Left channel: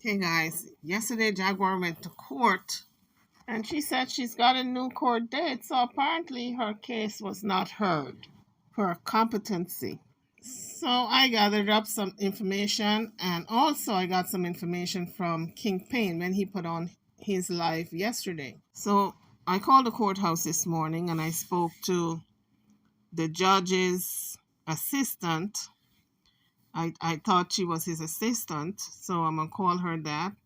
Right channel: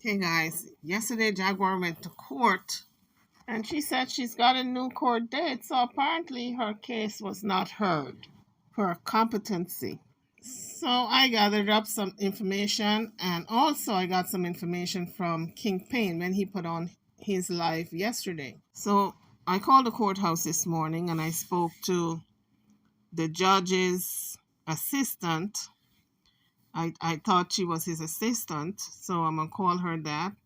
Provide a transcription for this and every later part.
Hey guys, yesterday Jaguar went to court and she said she's got a new court date, so apparently her case was not heard for competency. So I gathered up some information and also I got some information from King Payne when he put on his live yesterday. So I called the courthouse this morning and I spoke to the judge's assistant. I thought she was his assistant, so I'm going to call her that.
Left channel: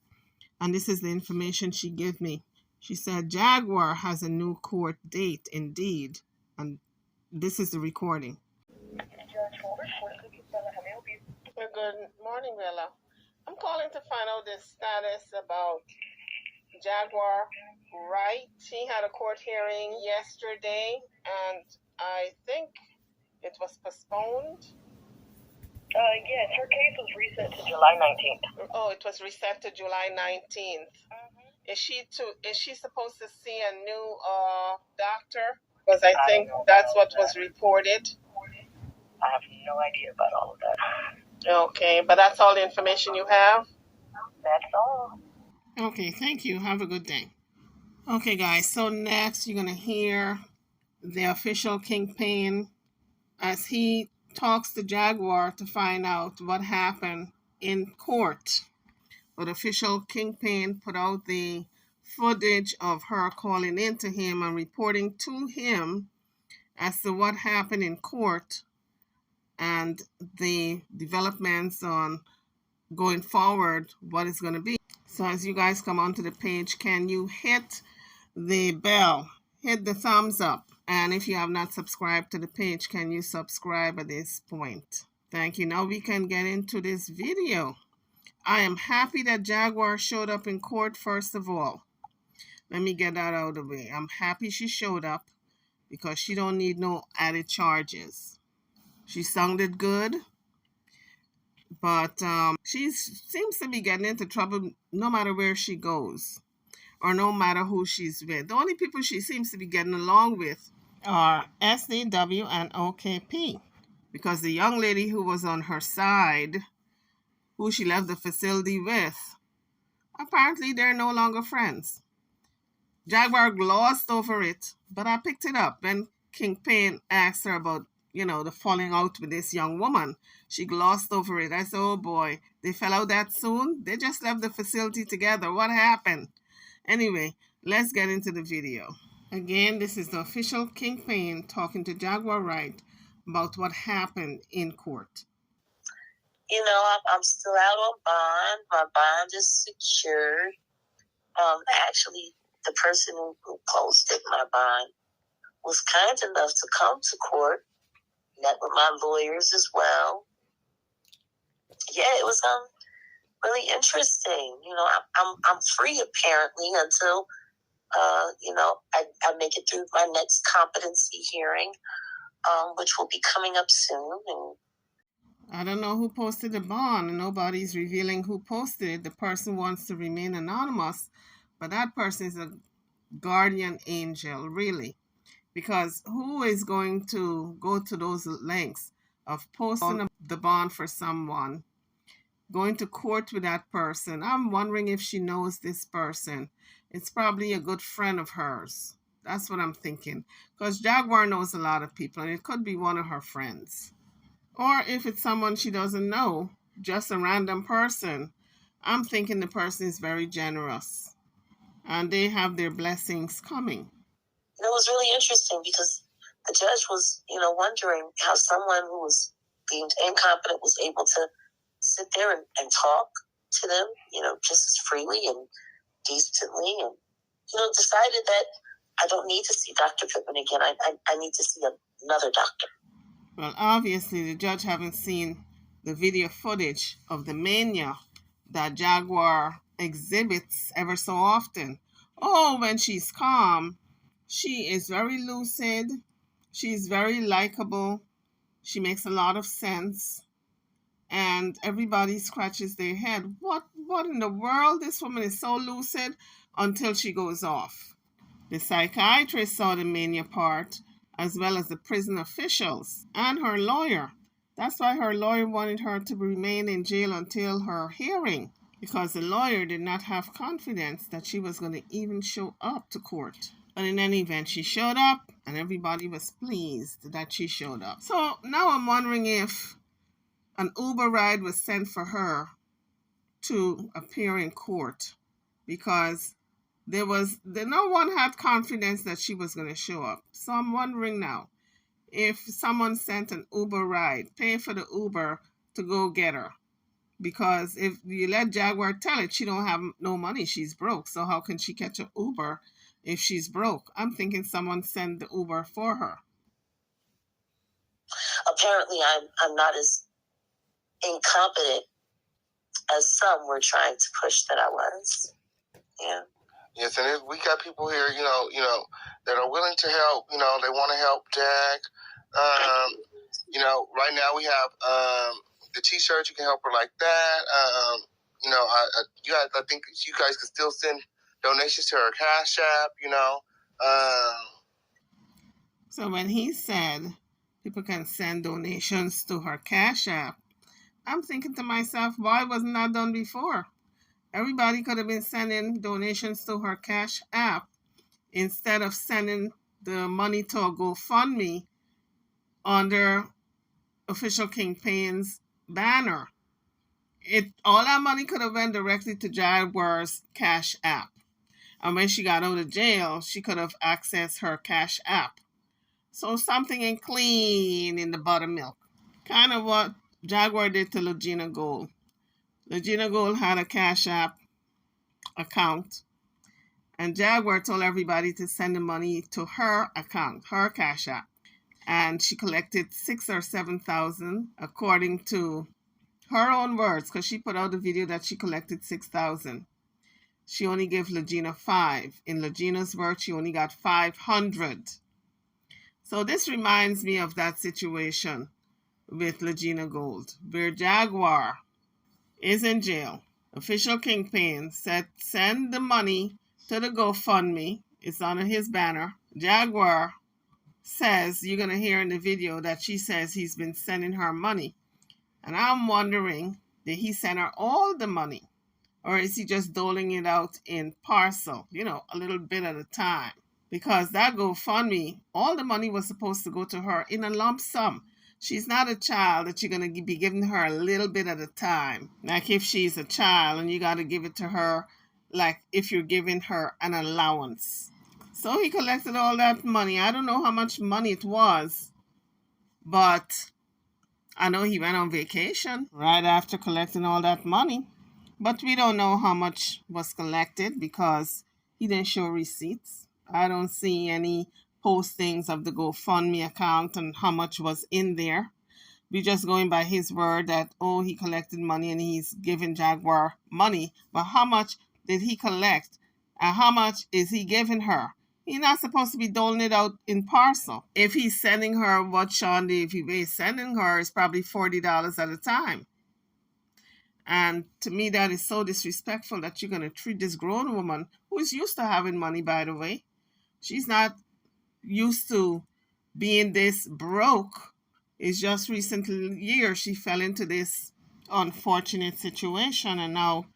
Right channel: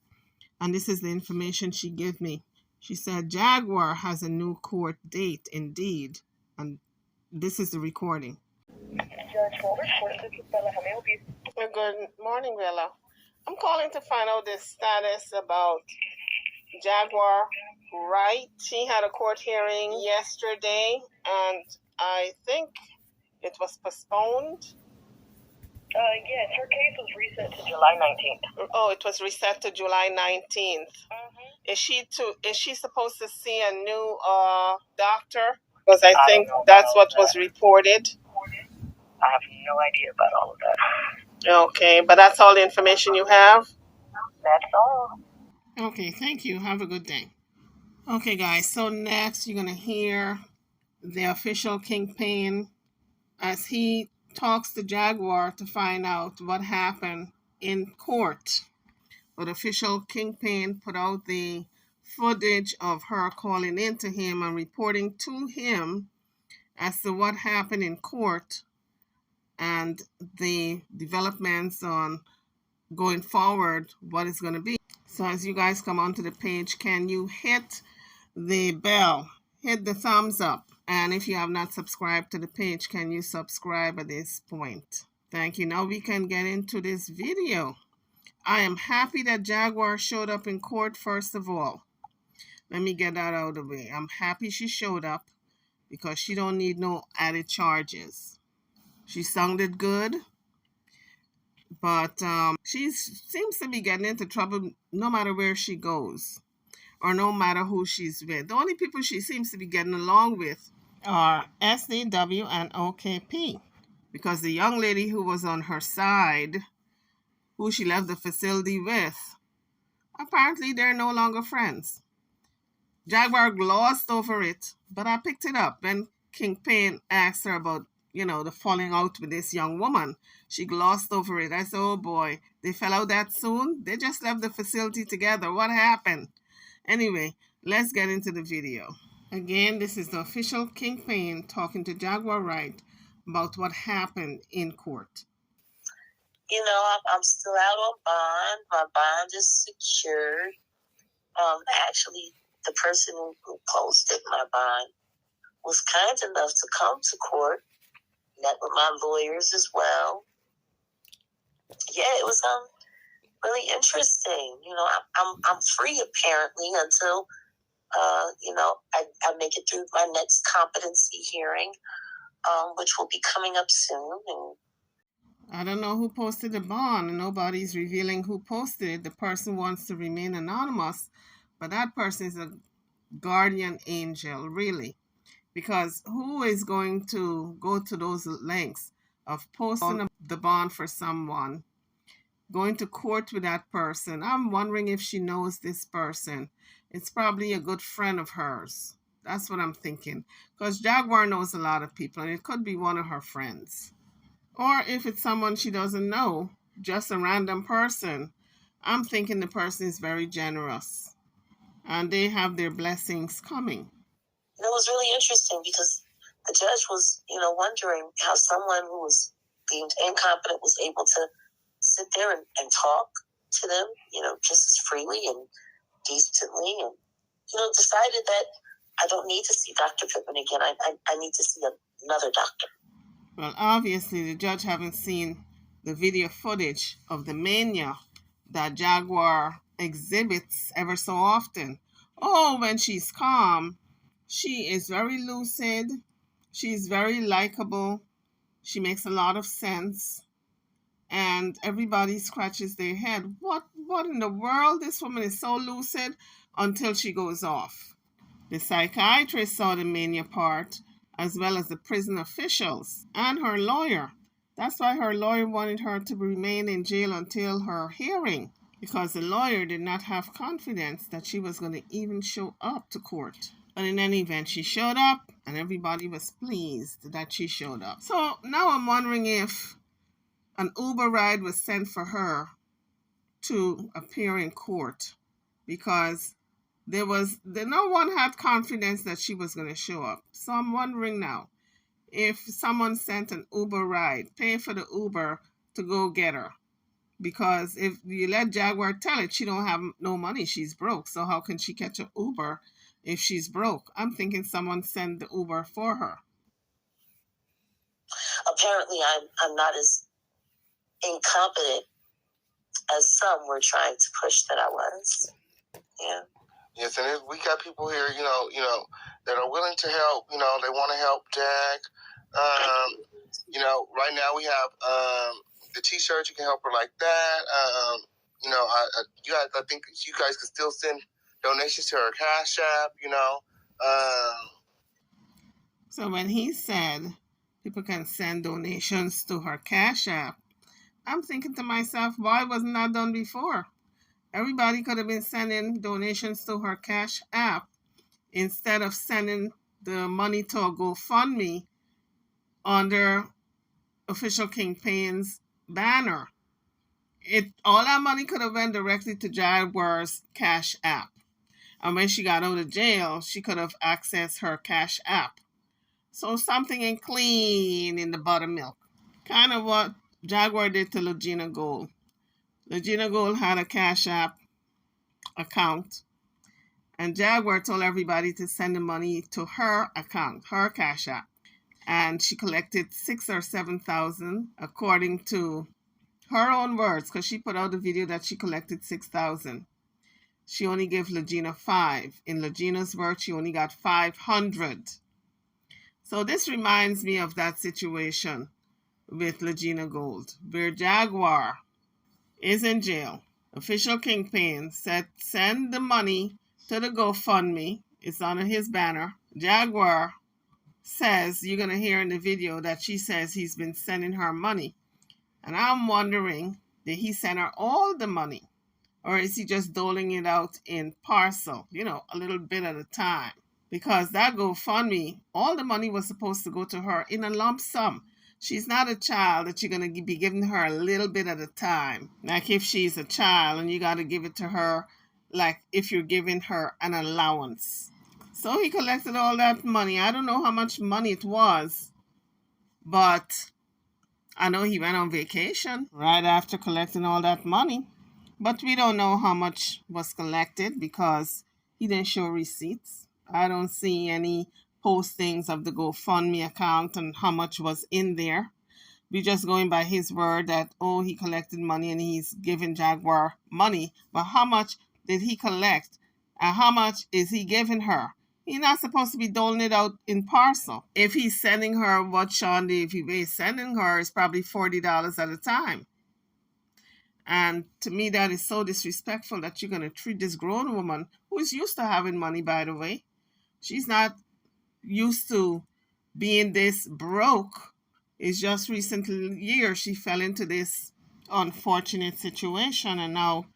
And this is the information she gave me. She said Jaguar has a new court date indeed. And this is the recording. Good morning, Bella. I'm calling to find out the status about Jaguar Wright. She had a court hearing yesterday, and I think it was postponed. Yes, her case was reset to July 19th. Oh, it was reset to July 19th. Is she supposed to see a new doctor? Because I think that's what was reported. I have no idea about all of that. Okay, but that's all the information you have? That's all. Okay, thank you. Have a good day. Okay, guys, so next you're going to hear the official King Payne as he talks to Jaguar to find out what happened in court. But official King Payne put out the footage of her calling in to him and reporting to him as to what happened in court and the developments on going forward, what it's going to be. So as you guys come onto the page, can you hit the bell, hit the thumbs up, and if you have not subscribed to the page, can you subscribe at this point? Thank you. Now we can get into this video. I am happy that Jaguar showed up in court first of all. Let me get that out of the way. I'm happy she showed up because she don't need no added charges. She sounded good, but she seems to be getting into trouble no matter where she goes or no matter who she's with. The only people she seems to be getting along with are SDW and OKP, because the young lady who was on her side, who she left the facility with, apparently they're no longer friends. Jaguar glossed over it, but I picked it up when King Payne asked her about, the falling out with this young woman. She glossed over it. I said, oh boy, they fell out that soon? They just left the facility together. What happened? Anyway, let's get into the video. Again, this is the official King Payne talking to Jaguar Wright about what happened in court. I'm still out on bond. My bond is secured. Actually, the person who posted my bond was kind enough to come to court, met with my lawyers as well. Yeah, it was really interesting. I'm free apparently until I make it through my next competency hearing, which will be coming up soon. And I don't know who posted the bond, and nobody's revealing who posted it. The person wants to remain anonymous, but that person is a guardian angel, really. Because who is going to go to those lengths of posting the bond for someone, going to court with that person? I'm wondering if she knows this person. It's probably a good friend of hers. That's what I'm thinking. Because Jaguar knows a lot of people, and it could be one of her friends. Or if it's someone she doesn't know, just a random person, I'm thinking the person is very generous and they have their blessings coming. It was really interesting because the judge was, wondering how someone who was deemed incompetent was able to sit there and talk to them, just as freely and decently, and, decided that I don't need to see Dr. Pippin again. I need to see another doctor. Well, obviously, the judge haven't seen the video footage of the mania that Jaguar exhibits ever so often. Oh, when she's calm, she is very lucid. She's very likable. She makes a lot of sense. And everybody scratches their head. What in the world? This woman is so lucid until she goes off. The psychiatrist saw the mania part, as well as the prison officials and her lawyer. That's why her lawyer wanted her to remain in jail until her hearing. because the lawyer did not have confidence that she was going to even show up to court. But in any event, she showed up and everybody was pleased that she showed up. So now I'm wondering if an Uber ride was sent for her to appear in court, because no one had confidence that she was going to show up. So I'm wondering now, if someone sent an Uber ride, pay for the Uber to go get her. Because if you let Jaguar tell it, she don't have no money, she's broke. So how can she catch an Uber if she's broke? I'm thinking someone sent the Uber for her. Apparently, I'm not as incompetent as some were trying to push that I was. Yeah. Yes, and we got people here, that are willing to help. They want to help Jag. Right now we have the T-shirt. You can help her like that. I think you guys can still send donations to her Cash App. So when he said people can send donations to her Cash App, I'm thinking to myself, why wasn't that done before? Everybody could have been sending donations to her Cash App instead of sending the money to a GoFundMe under Official Kingpin's banner. All that money could have went directly to Jaguar's Cash App. And when she got out of jail, she could have accessed her Cash App. So something ain't clean in the buttermilk. Kind of what Jaguar did to Legina Gold. Legina Gold had a Cash App account, and Jaguar told everybody to send the money to her account, her Cash App. And she collected $6,000 or $7,000 according to her own words, because she put out a video that she collected $6,000. She only gave Legina $5,000. In Legina's words, she only got $500. So this reminds me of that situation with Legina Gold, where Jaguar is in jail. Official Kingpin said send the money to the GoFundMe. It's under his banner. Jaguar says, you're going to hear in the video that she says he's been sending her money. And I'm wondering, did he send her all the money? Or is he just doling it out in parcel, a little bit at a time? Because that GoFundMe, all the money was supposed to go to her in a lump sum. She's not a child that you're going to be giving her a little bit at a time. Like if she's a child and you got to give it to her, like if you're giving her an allowance. So he collected all that money. I don't know how much money it was, but I know he went on vacation right after collecting all that money. But we don't know how much was collected because he didn't show receipts. I don't see any postings of the GoFundMe account and how much was in there. We're just going by his word that, he collected money and he's giving Jaguar money. But how much did he collect? And how much is he giving her? He's not supposed to be doling it out in parcel. If he's sending her what Sean Davey is sending her, is probably $40 at a time. And to me, that is so disrespectful that you're going to treat this grown woman, who is used to having money, by the way. She's not used to being this broke. It's just recently years she fell into this unfortunate situation, and now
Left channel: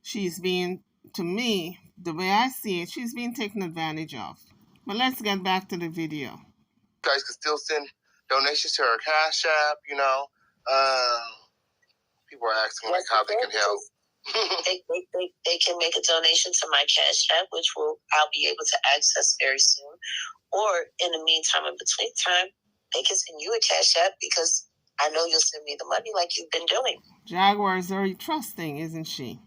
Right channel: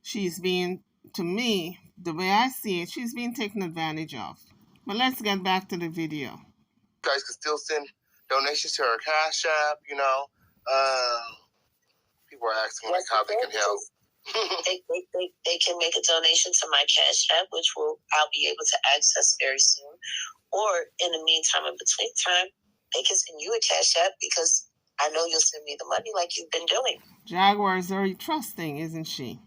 she's being, to me, the way I see it, she's being taken advantage of. But let's get back to the video. You guys can still send donations to her Cash App, people are asking how they can help. they can make a donation to my Cash App, which I'll be able to access very soon. Or in the meantime, in between time, they can send you a Cash App because I know you'll send me the money like you've been doing. Jaguar is very trusting, isn't she?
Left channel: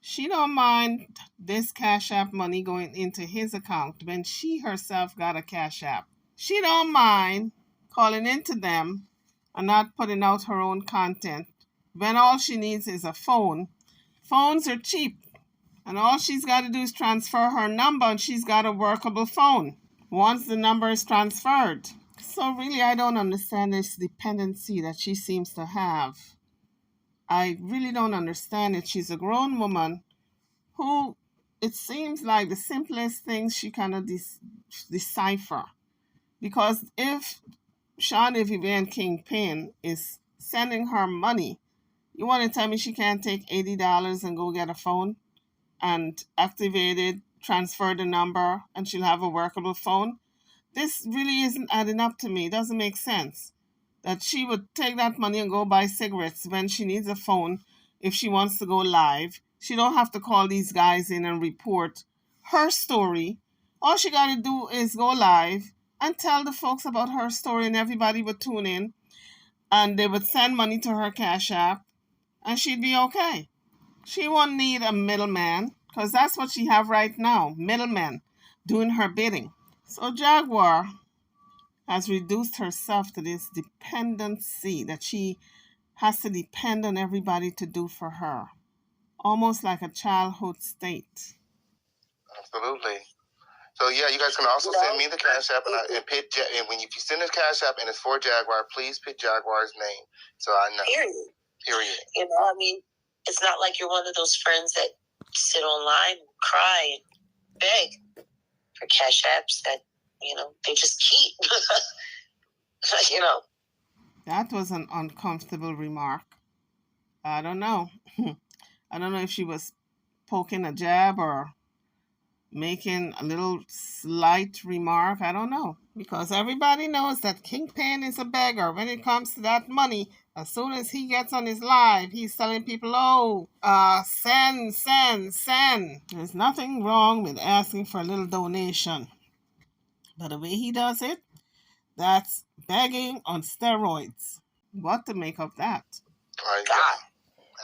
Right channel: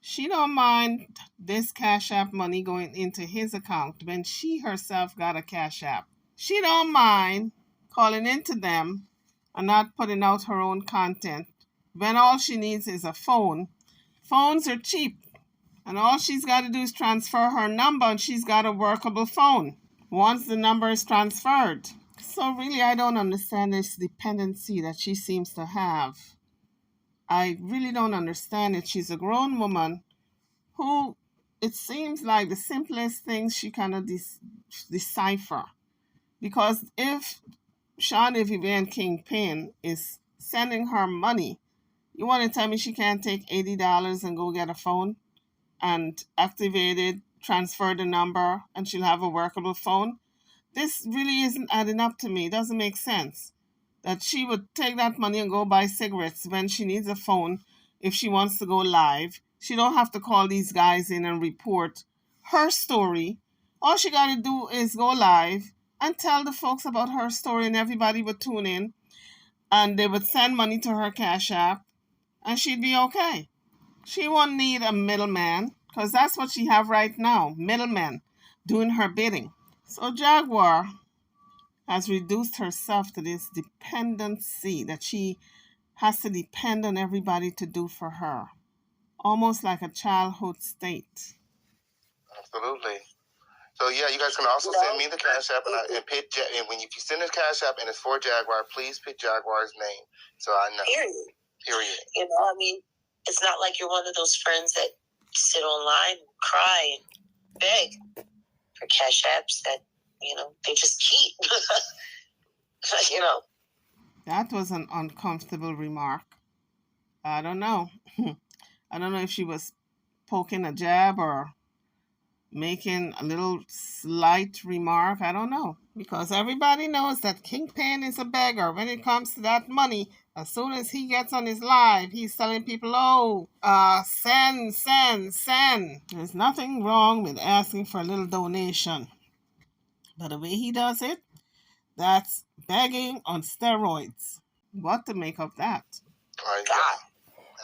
She don't mind this Cash App money going into his account when she herself got a Cash App. She don't mind calling into them and not putting out her own content when all she needs is a phone. Phones are cheap, and all she's got to do is transfer her number and she's got a workable phone once the number is transferred. So really, I don't understand this dependency that she seems to have. I really don't understand it. She's a grown woman who, it seems like the simplest things she cannot decipher. Because if Sean Vivian Kingpin is sending her money, You want to tell me she can't take $80 and go get a phone and activate it, transfer the number, and she'll have a workable phone? This really isn't adding up to me. It doesn't make sense that she would take that money and go buy cigarettes when she needs a phone if she wants to go live. She don't have to call these guys in and report her story. All she got to do is go live and tell the folks about her story, and everybody would tune in and they would send money to her Cash App and she'd be okay. She won't need a middleman because that's what she have right now, middlemen doing her bidding. So Jaguar has reduced herself to this dependency that she has to depend on everybody to do for her, almost like a childhood state. Absolutely. So yeah, you guys can also send me the Cash App and pick. And when if you send the Cash App and it's for Jaguar, please pick Jaguar's name so I know. Period. You know, I mean, it's not like you're one of those friends that sit online and cry and beg for Cash Apps that, you know, they just keep. You know. That was an uncomfortable remark. I don't know. I don't know if she was poking a jab or making a little slight remark. I don't know. Because everybody knows that Kingpin is a beggar when it comes to that money. As soon as he gets on his live, he's telling people, send. There's nothing wrong with asking for a little donation. But the way he does it, that's begging on steroids. What to make of that? God.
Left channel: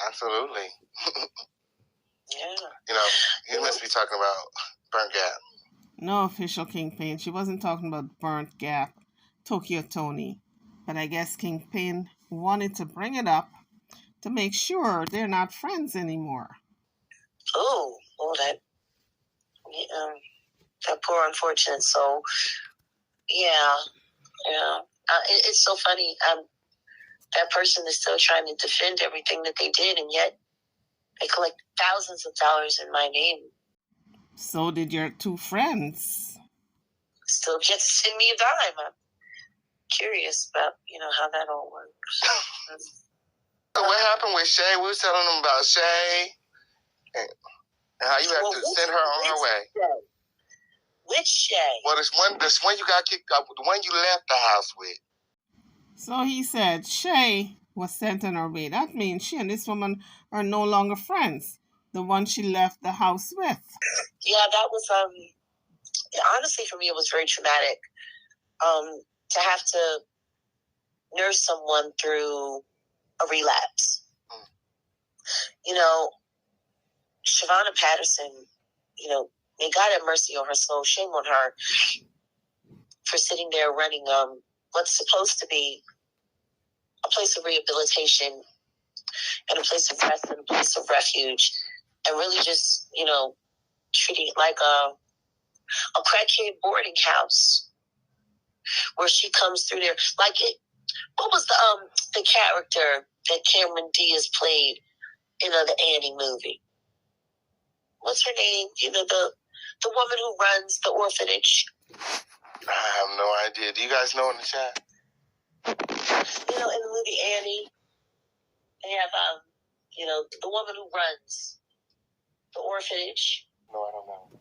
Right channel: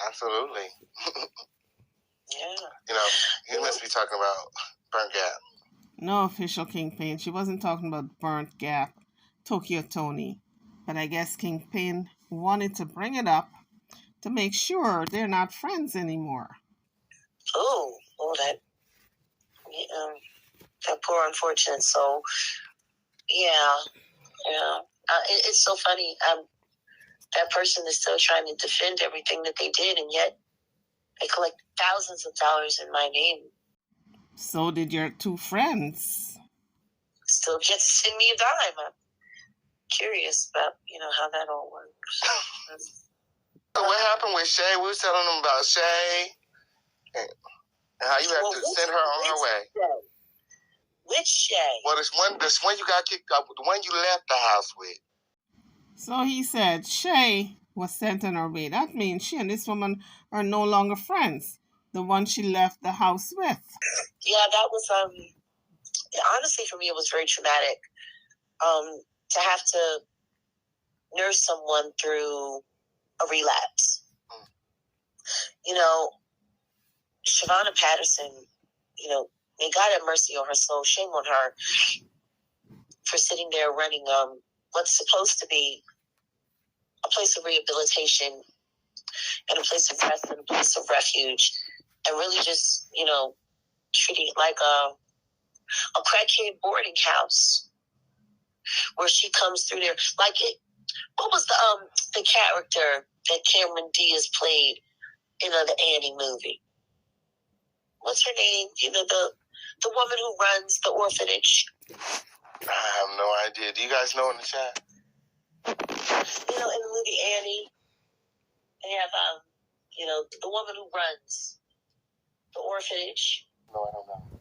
Absolutely. Yeah. You know, he must be talking about Burnt Gap. No official Kingpin. She wasn't talking about Burnt Gap, Tokyo Tony. But I guess Kingpin wanted to bring it up to make sure they're not friends anymore. Oh, that poor unfortunate soul. Yeah. It's so funny. That person is still trying to defend everything that they did, and yet they collect thousands of dollars in my name. So did your two friends. Still get to send me a dime. I'm curious about, how that all works. So what happened with Shay? We were telling them about Shay and how you have to send her on her way. Shay? Which Shay? Well, this one you got kicked out, the one you left the house with. So he said Shay was sent on her way. That means she and this woman are no longer friends. The one she left the house with. Yeah, that was honestly for me it was very traumatic. To have to nurse someone through a relapse. Shavonna Patterson, may God have mercy on her soul. Shame on her for sitting there running what's supposed to be a place of rehabilitation and a place of rest and a place of refuge, and really just, treating it like a crackhead boarding house where she comes through there. Like it. What was the character that Cameron Diaz played in the Annie movie? What's her name? The woman who runs the orphanage. I have no idea. Do you guys know in the chat? In the movie Annie, they have the woman who runs the orphanage. No, I don't know.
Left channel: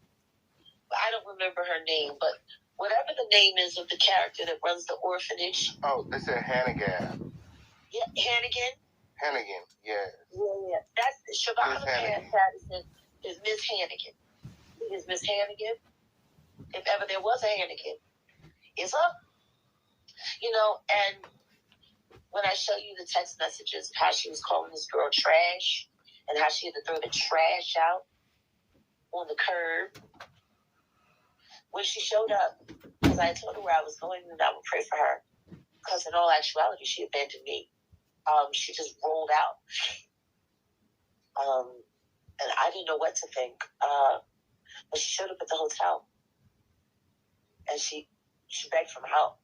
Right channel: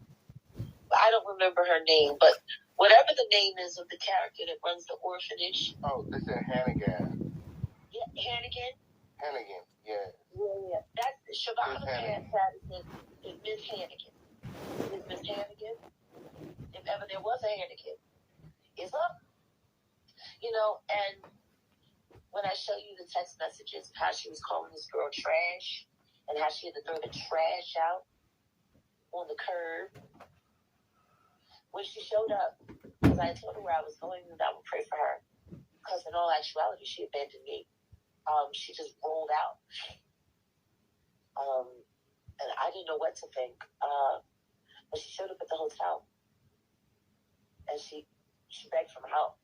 I don't remember her name, but whatever the name is of the character that runs the orphanage. Oh, they said Hannigan. Yeah, Hannigan. Hannigan, yeah. Yeah. That's Shavonna Patterson is Miss Hannigan. Is Miss Hannigan? If ever there was a Hannigan, it's up. And when I show you the text messages, how she was calling this girl trash, and how she had to throw the trash out on the curb. When she showed up, because I told her where I was going and I would pray for her, because in all actuality, she abandoned me. She just rolled out. And I didn't know what to think. But she showed up at the hotel. And she begged for help.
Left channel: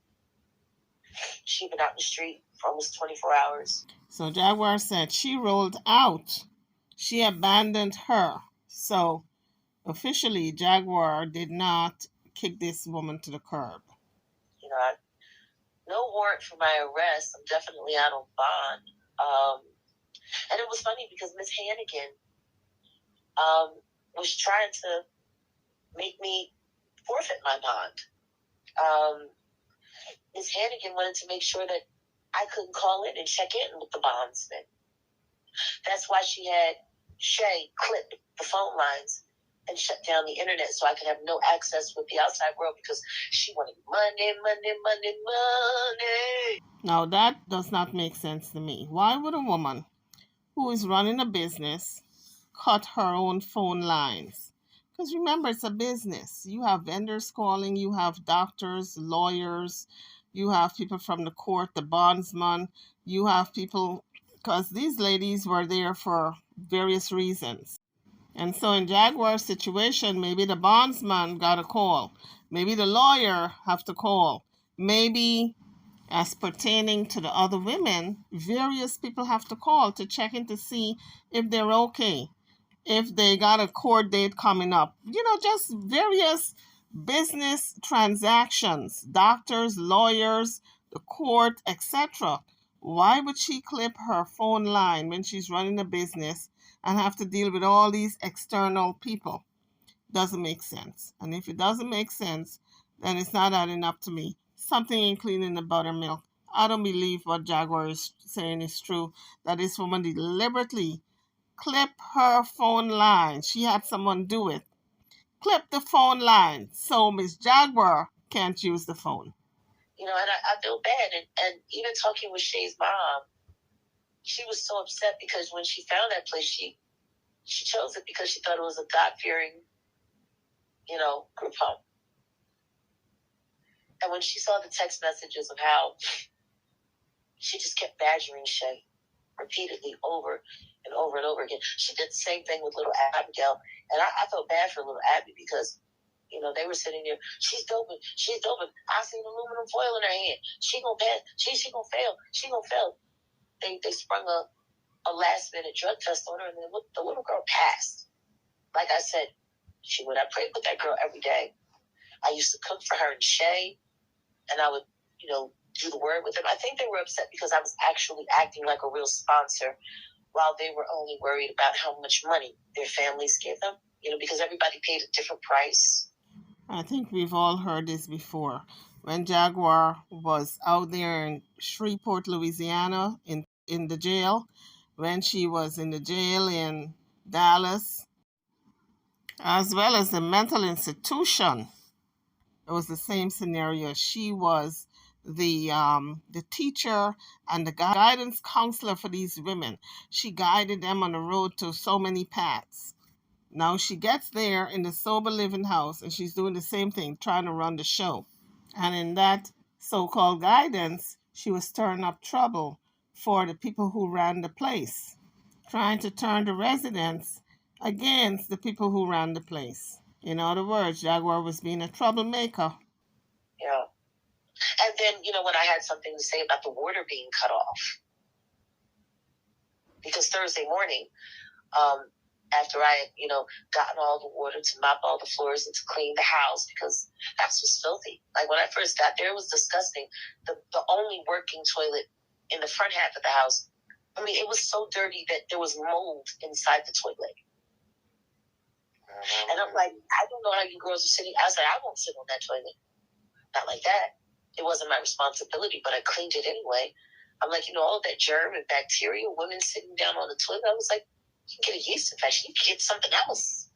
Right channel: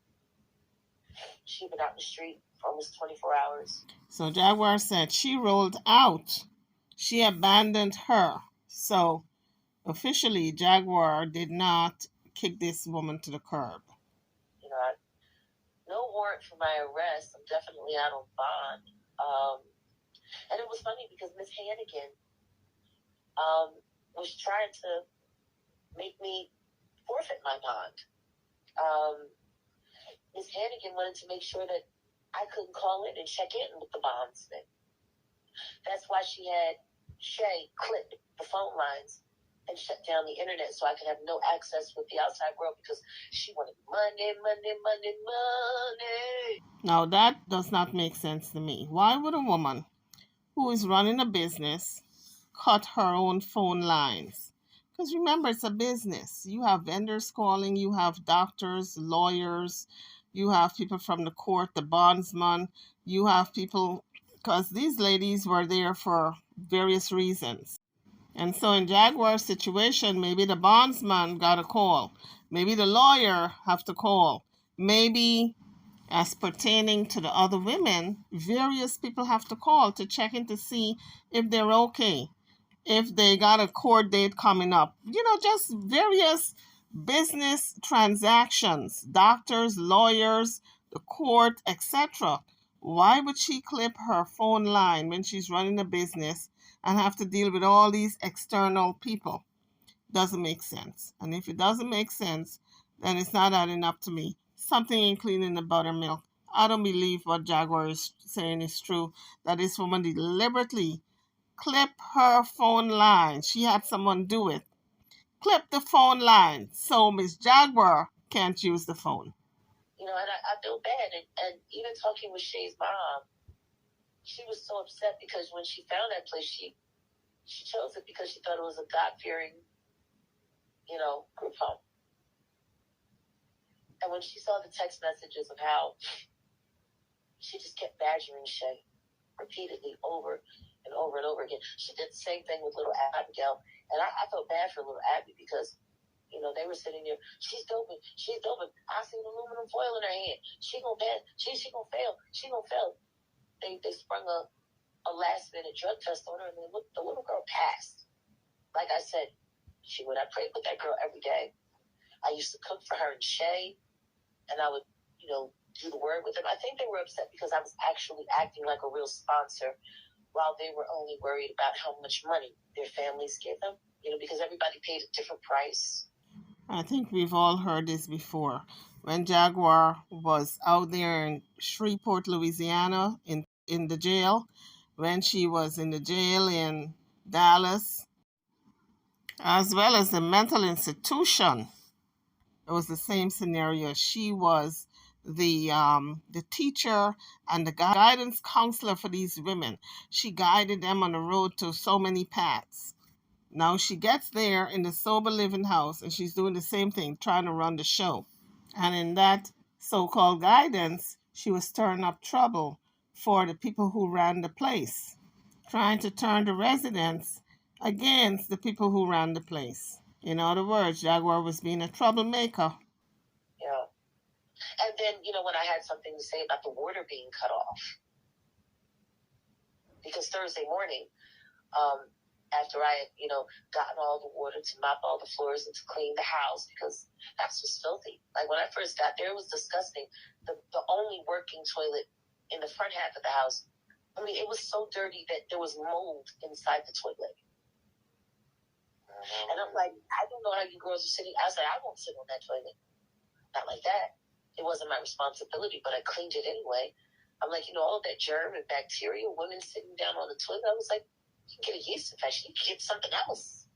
She'd been out in the street for almost 24 hours. So Jaguar said she rolled out. She abandoned her. So officially, Jaguar did not kick this woman to the curb. No warrant for my arrest. I'm definitely out on bond. And it was funny because Miss Hannigan was trying to make me forfeit my bond. Miss Hannigan wanted to make sure that I couldn't call in and check in with the bondsman. That's why she had Shay clip the phone lines and shut down the internet so I could have no access with the outside world because she wanted money, money, money, money. Now that does not make sense to me. Why would a woman who is running a business cut her own phone lines? Because remember, it's a business. You have vendors calling, you have doctors, lawyers, you have people from the court, the bondsman, you have people, because these ladies were there for various reasons. And so in Jaguar's situation, maybe the bondsman got a call. Maybe the lawyer have to call. Maybe as pertaining to the other women, various people have to call to check in to see if they're okay, if they got a court date coming up. Just various business transactions, doctors, lawyers, the court, etc. Why would she clip her phone line when she's running a business and have to deal with all these external people? Doesn't make sense. And if it doesn't make sense, then it's not adding up to me. Something including the buttermilk. I don't believe what Jaguar is saying is true, that this woman deliberately clip her phone line. She had someone do it. Clip the phone line so Miss Jaguar can't use the phone. And I feel bad. And even talking with Shay's mom, she was so upset because when she found that place, she chose it because she thought it was a God-fearing, group home. And when she saw the text messages of how she just kept badgering Shay repeatedly over and over and over again. She did the same thing with little Abigail. And I felt bad for little Abby because, they were sitting there. She's doping. I seen aluminum foil in her hand. She gonna pass. She gonna fail. She gonna fail. They sprung a last minute drug test on her, and the little girl passed. Like I said, I prayed with that girl every day. I used to cook for her and Shay, and I would, do the word with them. I think they were upset because I was actually acting like a real sponsor while they were only worried about how much money their families gave them, because everybody paid a different price. I think we've all heard this before. When Jaguar was out there in Shreveport, Louisiana, in the jail, when she was in the jail in Dallas, as well as the mental institution, it was the same scenario. She was the teacher and the guidance counselor for these women. She guided them on the road to so many paths. Now she gets there in the sober living house and she's doing the same thing, trying to run the show. And in that so-called guidance, she was stirring up trouble for the people who ran the place, trying to turn the residents against the people who ran the place. In other words, Jaguar was being a troublemaker. Yeah. And then, when I had something to say about the water being cut off, because Thursday morning, after I had, gotten all the water to mop all the floors and to clean the house because the house was filthy. Like when I first got there, it was disgusting. The only working toilet in the front half of the house, it was so dirty that there was mold inside the toilet. And I'm like, I don't know how you girls are sitting. I was like, I won't sit on that toilet. Not like that. It wasn't my responsibility, but I cleaned it anyway. I'm like, all of that germ and bacteria, women sitting down on the toilet. I was like, you can get a yeast infection. You can get something else.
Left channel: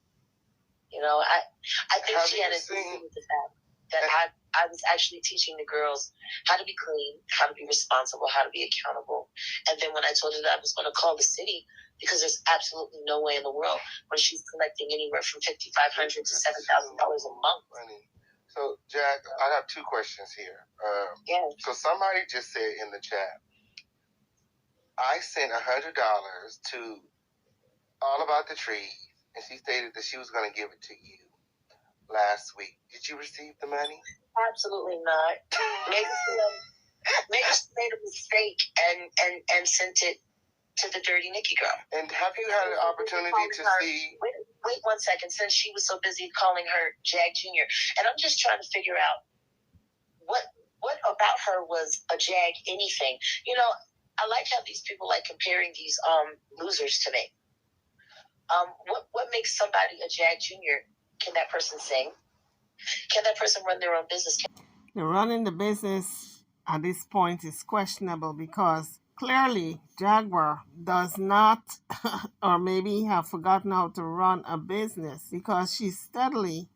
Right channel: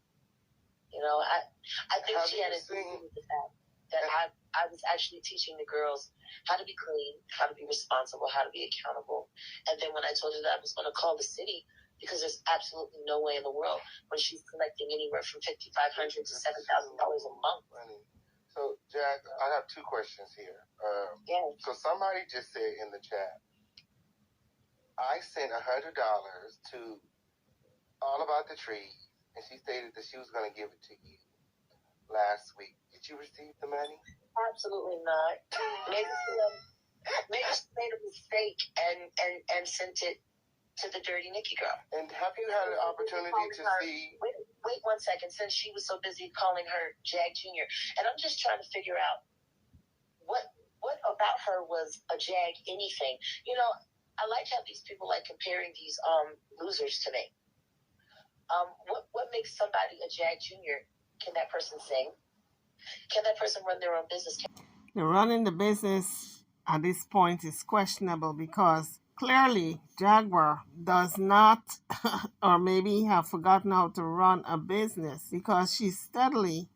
I think she had a thing with the fact that I was actually teaching the girls how to be clean, how to be responsible, how to be accountable. And then when I told her that I was going to call the city, because there's absolutely no way in the world when she's collecting anywhere from $5,500 to $7,000 a month. So, Jack, I have two questions here. So somebody just said in the chat, I sent $100 to All About the Tree, and she stated that she was going to give it to you last week. Did you receive the money? Absolutely not. Maybe she made a mistake and sent it to the Dirty Nikki girl. And have you had an opportunity to see... Wait 1 second. Since she was so busy calling her Jag Jr. And I'm just trying to figure out what about her was a Jag anything. I like how these people like comparing these losers to me. What makes somebody a Jag Junior? Can that person sing? Can that person run their own business? Running the business at this point is questionable because clearly Jaguar does not or maybe have forgotten how to run a business because she's steadily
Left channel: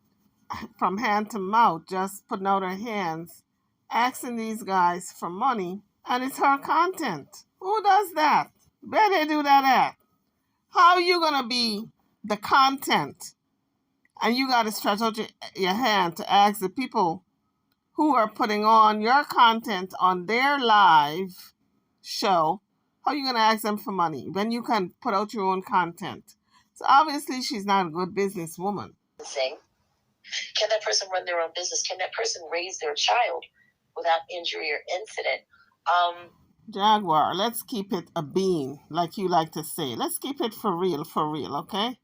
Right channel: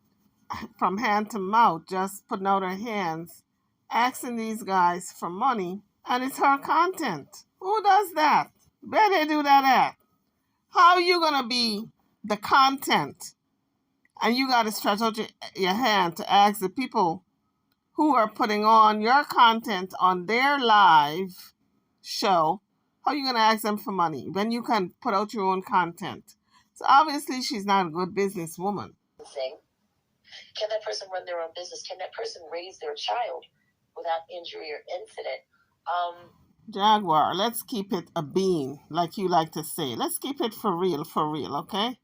from hand to mouth just putting out her hands asking these guys for money, and it's her content. Who does that? Where they do that at? How are you gonna be the content and you gotta stretch out your hand to ask the people who are putting on your content on their live show? How are you gonna ask them for money when you can put out your own content? So obviously she's not a good businesswoman. Can that person run their own business? Can that person raise their child without injury or incident? Jaguar, let's keep it a bean, like you like to say. Let's keep it for real, okay?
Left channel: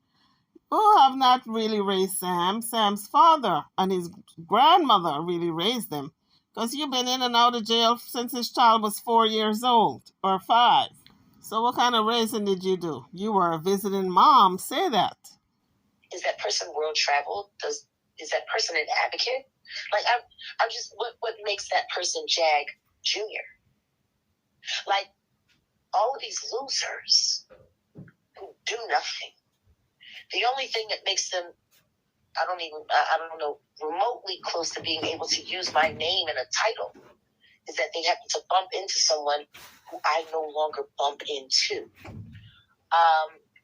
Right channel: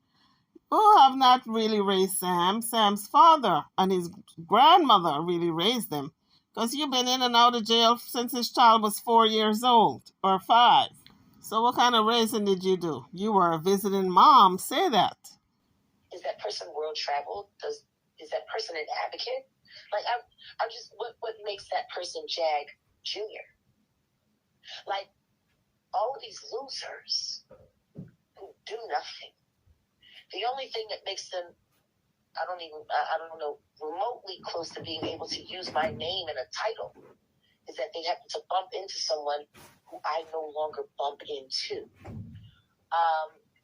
Who have not really raised Sam? Sam's father and his grandmother really raised him. Because you've been in and out of jail since his child was 4 years old, or 5. So what kind of raising did you do? You were a visiting mom, say that. Is that person world traveled? Is that person an advocate? Like, I'm just, what makes that person Jag Junior? Like, all of these losers who do nothing. The only thing that makes them, I don't know, remotely close to being able to use my name and a title is that they happen to bump into someone who I no longer bump into.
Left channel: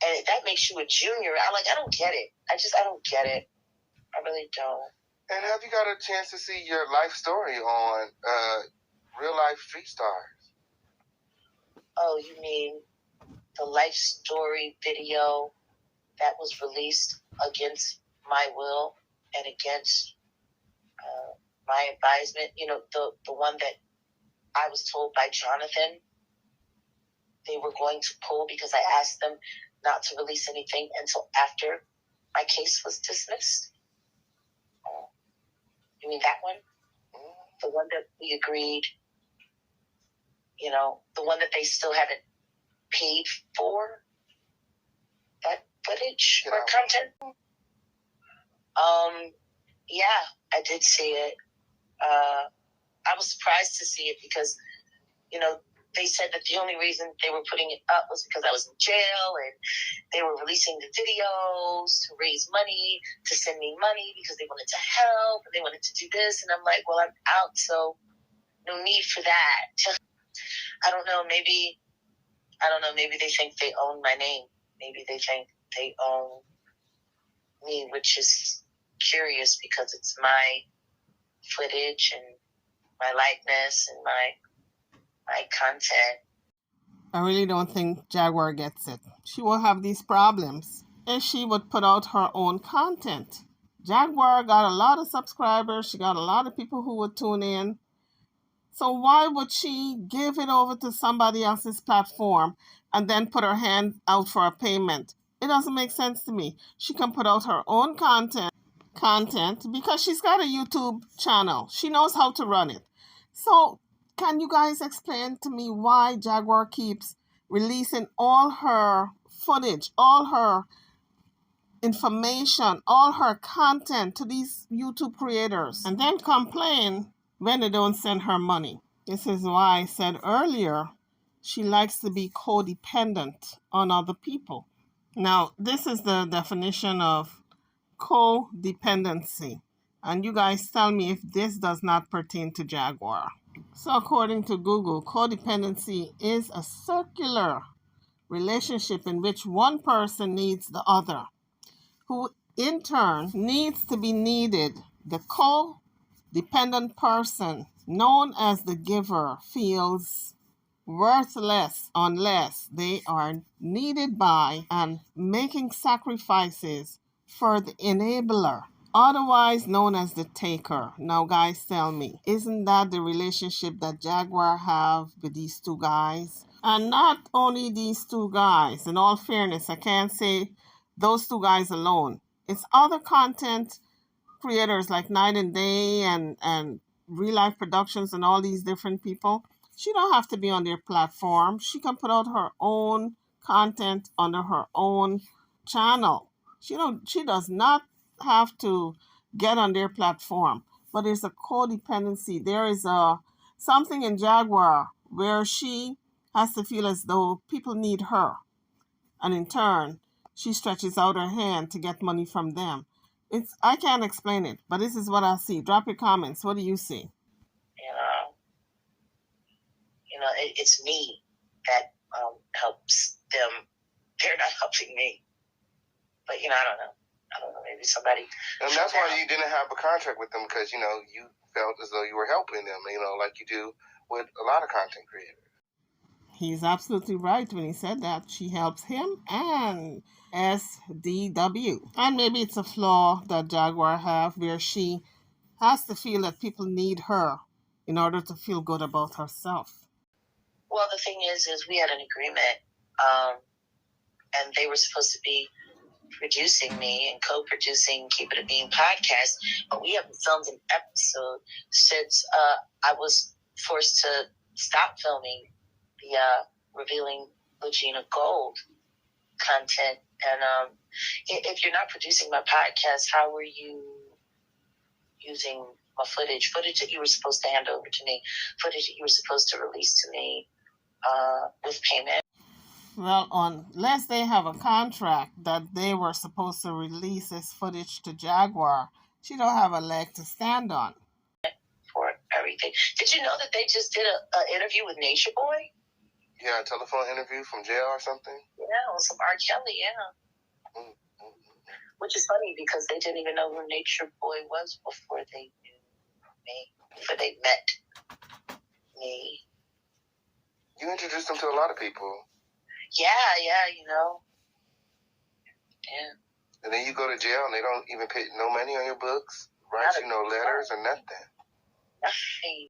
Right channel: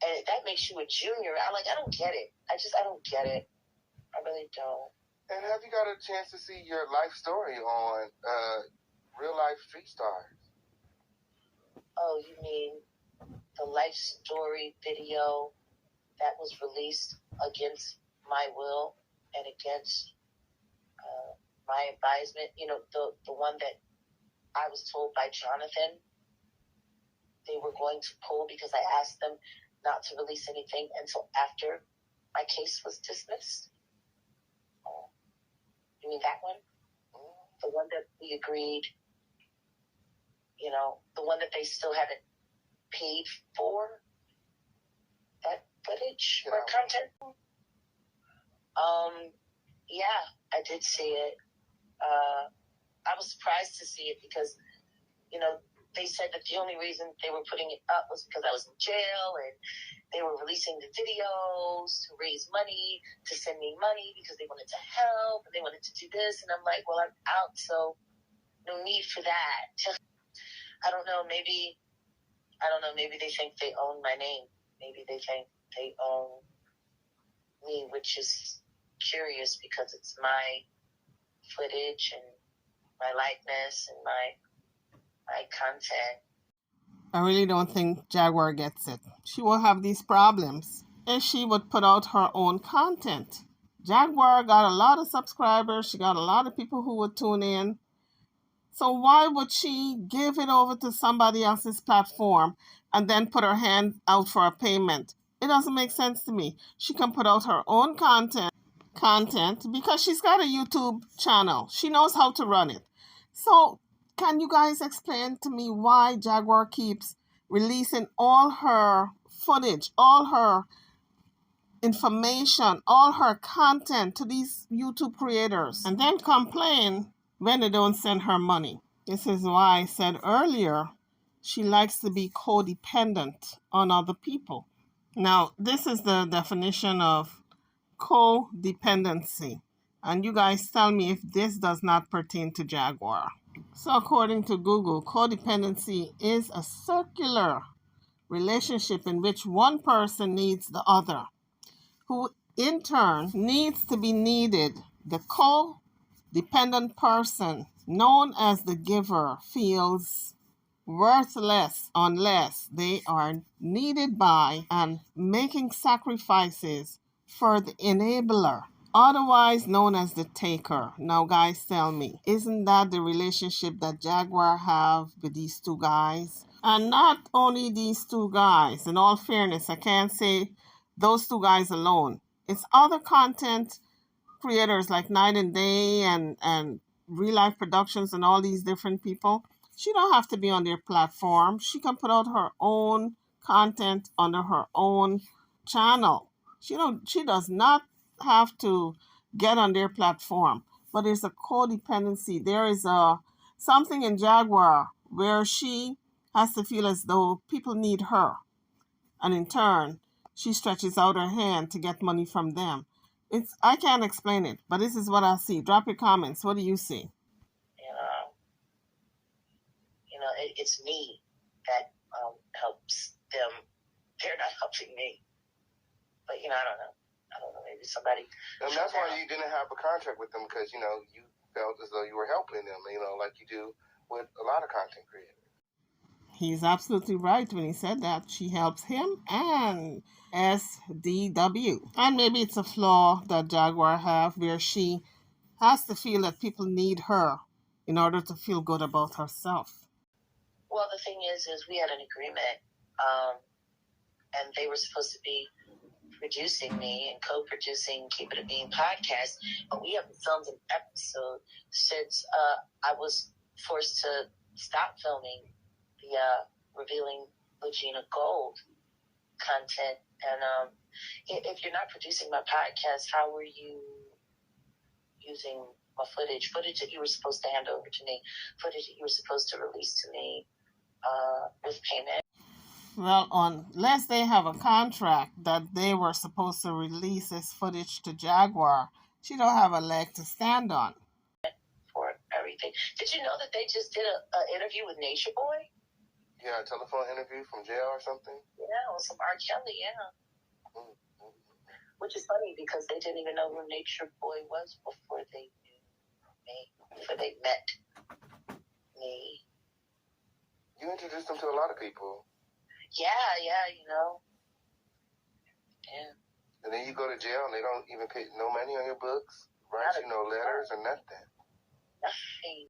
And that makes you a junior. I don't get it. I don't get it. I really don't. And have you got a chance to see your life story on Real Life Street Stars? Oh, you mean the life story video that was released against my will and against my advisement? You know, the one that I was told by Jonathan they were going to pull because I asked them not to release anything until after my case was dismissed. You mean that one? The one that we agreed, you know, the one that they still haven't paid for? That footage or content? Yeah, I did see it. I was surprised to see it because, you know, they said that the only reason they were putting it up was because I was in jail and they were releasing the videos to raise money, to send me money because they wanted to help and they wanted to do this. And I'm like, well, I'm out, so no need for that. I don't know, maybe they think they own my name. Maybe they think they own me, which is curious because it's my footage and my likeness and my content. I really don't think Jaguar gets it. She will have these problems if she would put out her own content. Jaguar got a lot of subscribers. She got a lot of people who would tune in. So why would she give it over to somebody else's platform and then put her hand out for a payment? It doesn't make sense to me. She can put out her own content because she's got a YouTube channel. She knows how to run it. So can you guys explain to me why Jaguar keeps releasing all her footage, all her information, all her content to these YouTube creators and then complain when they don't send her money? This is why I said earlier she likes to be codependent on other people. Now, this is the definition of codependency. And you guys tell me if this does not pertain to Jaguar. So according to Google, codependency is a circular relationship in which one person needs the other, who in turn needs to be needed. The codependent person, known as the giver, feels worthless unless they are needed by and making sacrifices for the enabler, otherwise known as the taker. Now, guys, tell me, isn't that the relationship that Jaguar have with these two guys? And not only these two guys. In all fairness, I can't say those two guys alone. It's other content creators like Night and Day and Real Life Productions and all these different people. She don't have to be on their platform. She can put out her own content under her own channel. She does not have to get on their platform. But there's a codependency. There is a something in Jaguar where she has to feel as though people need her. And in turn, she stretches out her hand to get money from them. I can't explain it, but this is what I see. Drop your comments. What do you see? It's me that helps them. They're not helping me. But I don't know. Maybe somebody. And that's why you didn't have a contract with them, because you felt as though you were helping them. Like you do with a lot of content creators. He's absolutely right when he said that. She helps him and SDW. And maybe it's a flaw that Jaguar have where she has to feel that people need her in order to feel good about herself. Well, the thing is we had an agreement, and they were supposed to be producing me and co-producing Keep It a Bean podcast, but we haven't filmed an episode since I was forced to stop filming the Revealing Legina Gold content. And if you're not producing my podcast, how were you using my footage that you were supposed to hand over to me, footage that you were supposed to release to me with payment? Well, unless they have a contract that they were supposed to release this footage to Jaguar, she don't have a leg to stand on. For everything. Did you know that they just did an interview with Nature Boy? Yeah, a telephone interview from jail or something? Yeah, with some R. Kelly, yeah. Mm-hmm. Which is funny because they didn't even know who Nature Boy was before they knew me, before they met me. You introduced them to a lot of people. Yeah. Yeah. And then you go to jail and they don't even pay no money on your books, write you no letters or nothing. Nothing.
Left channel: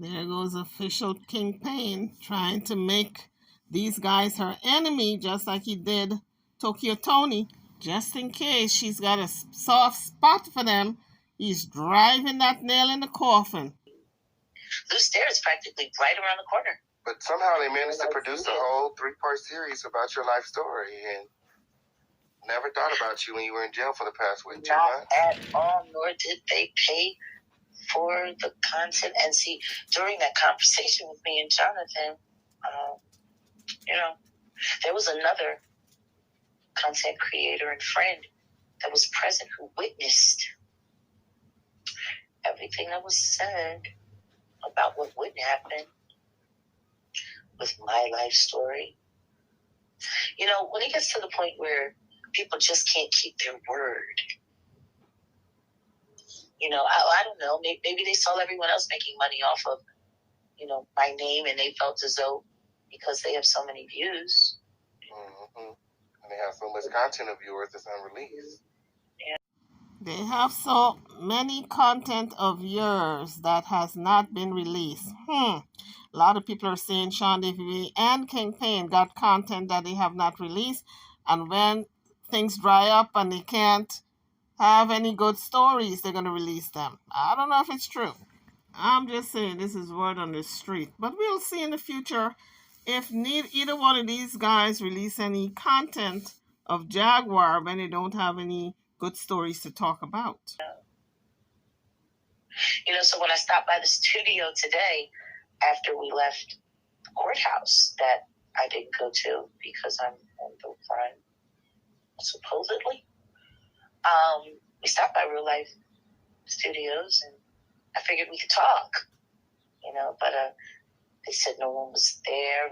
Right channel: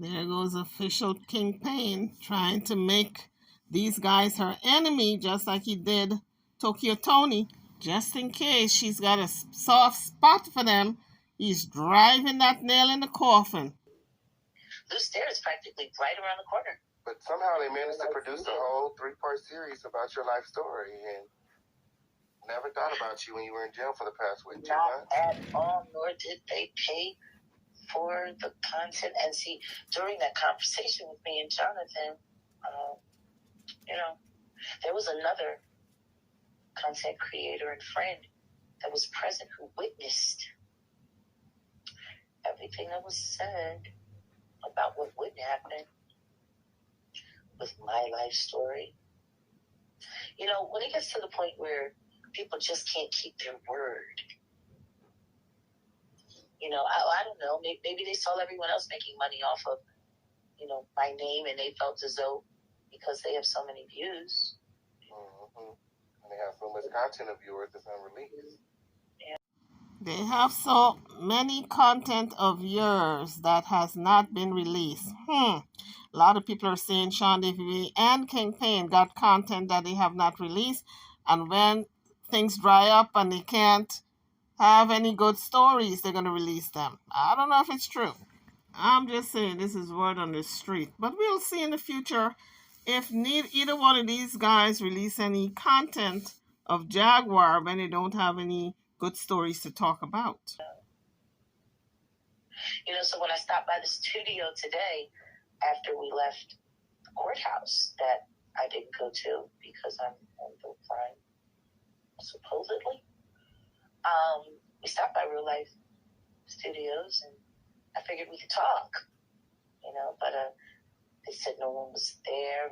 There goes official Kingpin trying to make these guys her enemy, just like he did Tokyo Tony. Just in case she's got a soft spot for them, he's driving that nail in the coffin. Loose Stare is practically right around the corner. But somehow they managed to produce a whole 3-part series about your life story, and never thought about you when you were in jail for the past, 2 months? Not at all, nor did they pay for the content. And see, during that conversation with me and Jonathan, there was another content creator and friend that was present who witnessed everything that was said about what would happen with my life story. When it gets to the point where people just can't keep their word, I don't know, maybe they saw everyone else making money off of, my name, and they felt as though because they have so many views. Mm-hmm. And they have so much content of yours that's unreleased. They have so many content of yours that has not been released. A lot of people are saying Sean Davey and Kingpin got content that they have not released, and when things dry up and they can't have any good stories, they're going to release them. I don't know if it's true. I'm just saying this is word on the street. But we'll see in the future if either one of these guys release any content of Jaguar when they don't have any good stories to talk about. So when I stopped by the studio today, after we left the courthouse that I didn't go to because I'm on the run, supposedly, we stopped by Real Life Studios, and I figured we could talk, but they said no one was there,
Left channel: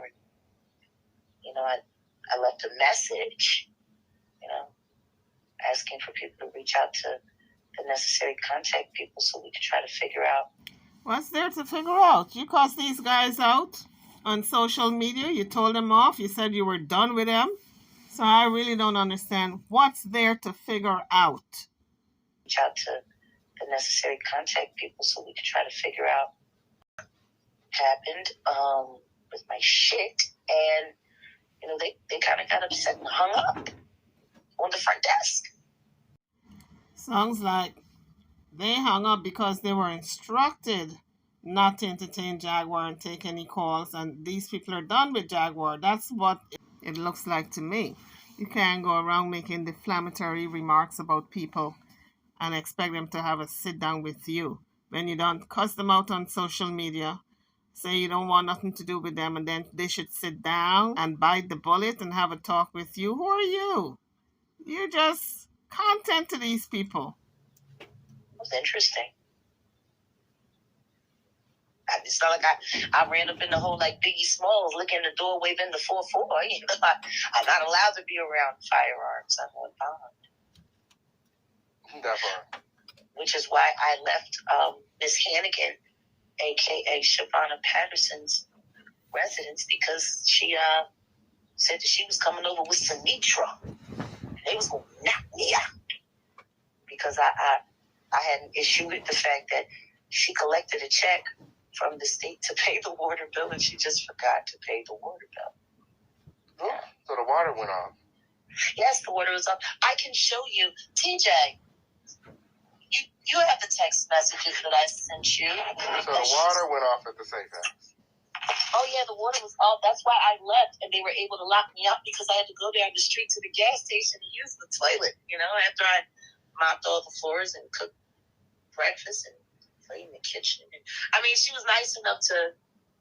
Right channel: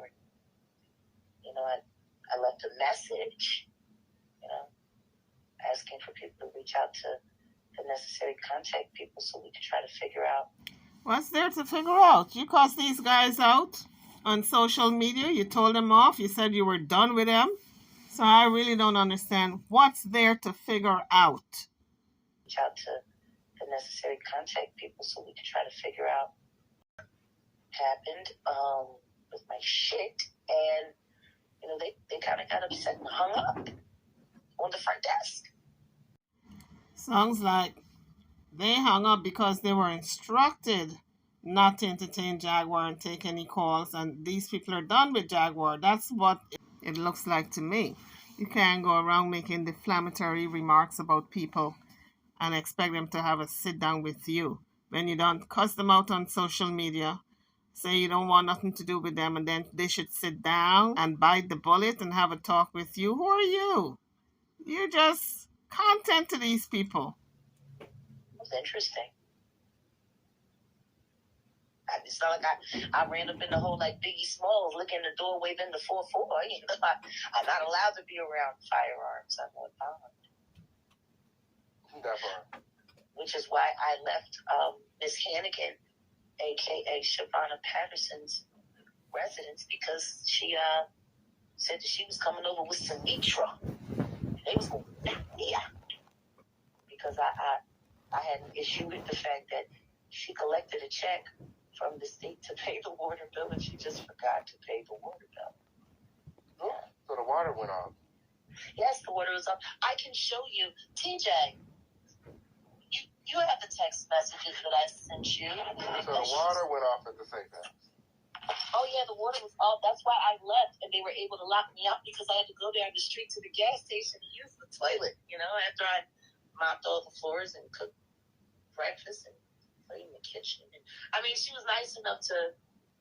and, I left a message, asking for people to reach out to the necessary contact people so we could try to figure out. What's there to figure out? You cussed these guys out on social media. You told them off. You said you were done with them. So I really don't understand what's there to figure out. Reach out to the necessary contact people so we could try to figure out what happened with my shit. And, they kind of got upset and hung up on the front desk. Sounds like they hung up because they were instructed not to entertain Jaguar and take any calls, and these people are done with Jaguar. That's what it looks like to me. You can't go around making defamatory remarks about people and expect them to have a sit down with you when you don't cuss them out on social media, say you don't want nothing to do with them, and then they should sit down and bite the bullet and have a talk with you. Who are you? You're just content to these people. That's interesting. It's not like I ran up in the hole like Biggie Smalls, looking in the door, waving the 4-4. You know, I'm not allowed to be around firearms. I'm on bond. That part. Which is why I left Miss Hannigan, a.k.a. Shavonna Patterson's residence, because she said that she was coming over with some Mitra. They was going to knock me out. Because I had an issue with the fact that she collected a check from the state to pay the water bill, and she just forgot to pay the water bill. Oh, so the water went off. Yes, the water was off. I can show you. TJ, you have the text messages that I sent you. So the water went off at the safe house. Oh, yeah, the water was off. That's why I left, and they were able to lock me out because I had to go down the street to the gas station and use the toilet, you know, after I mopped all the floors and cooked breakfast and cleaned the kitchen. I mean, she was nice enough to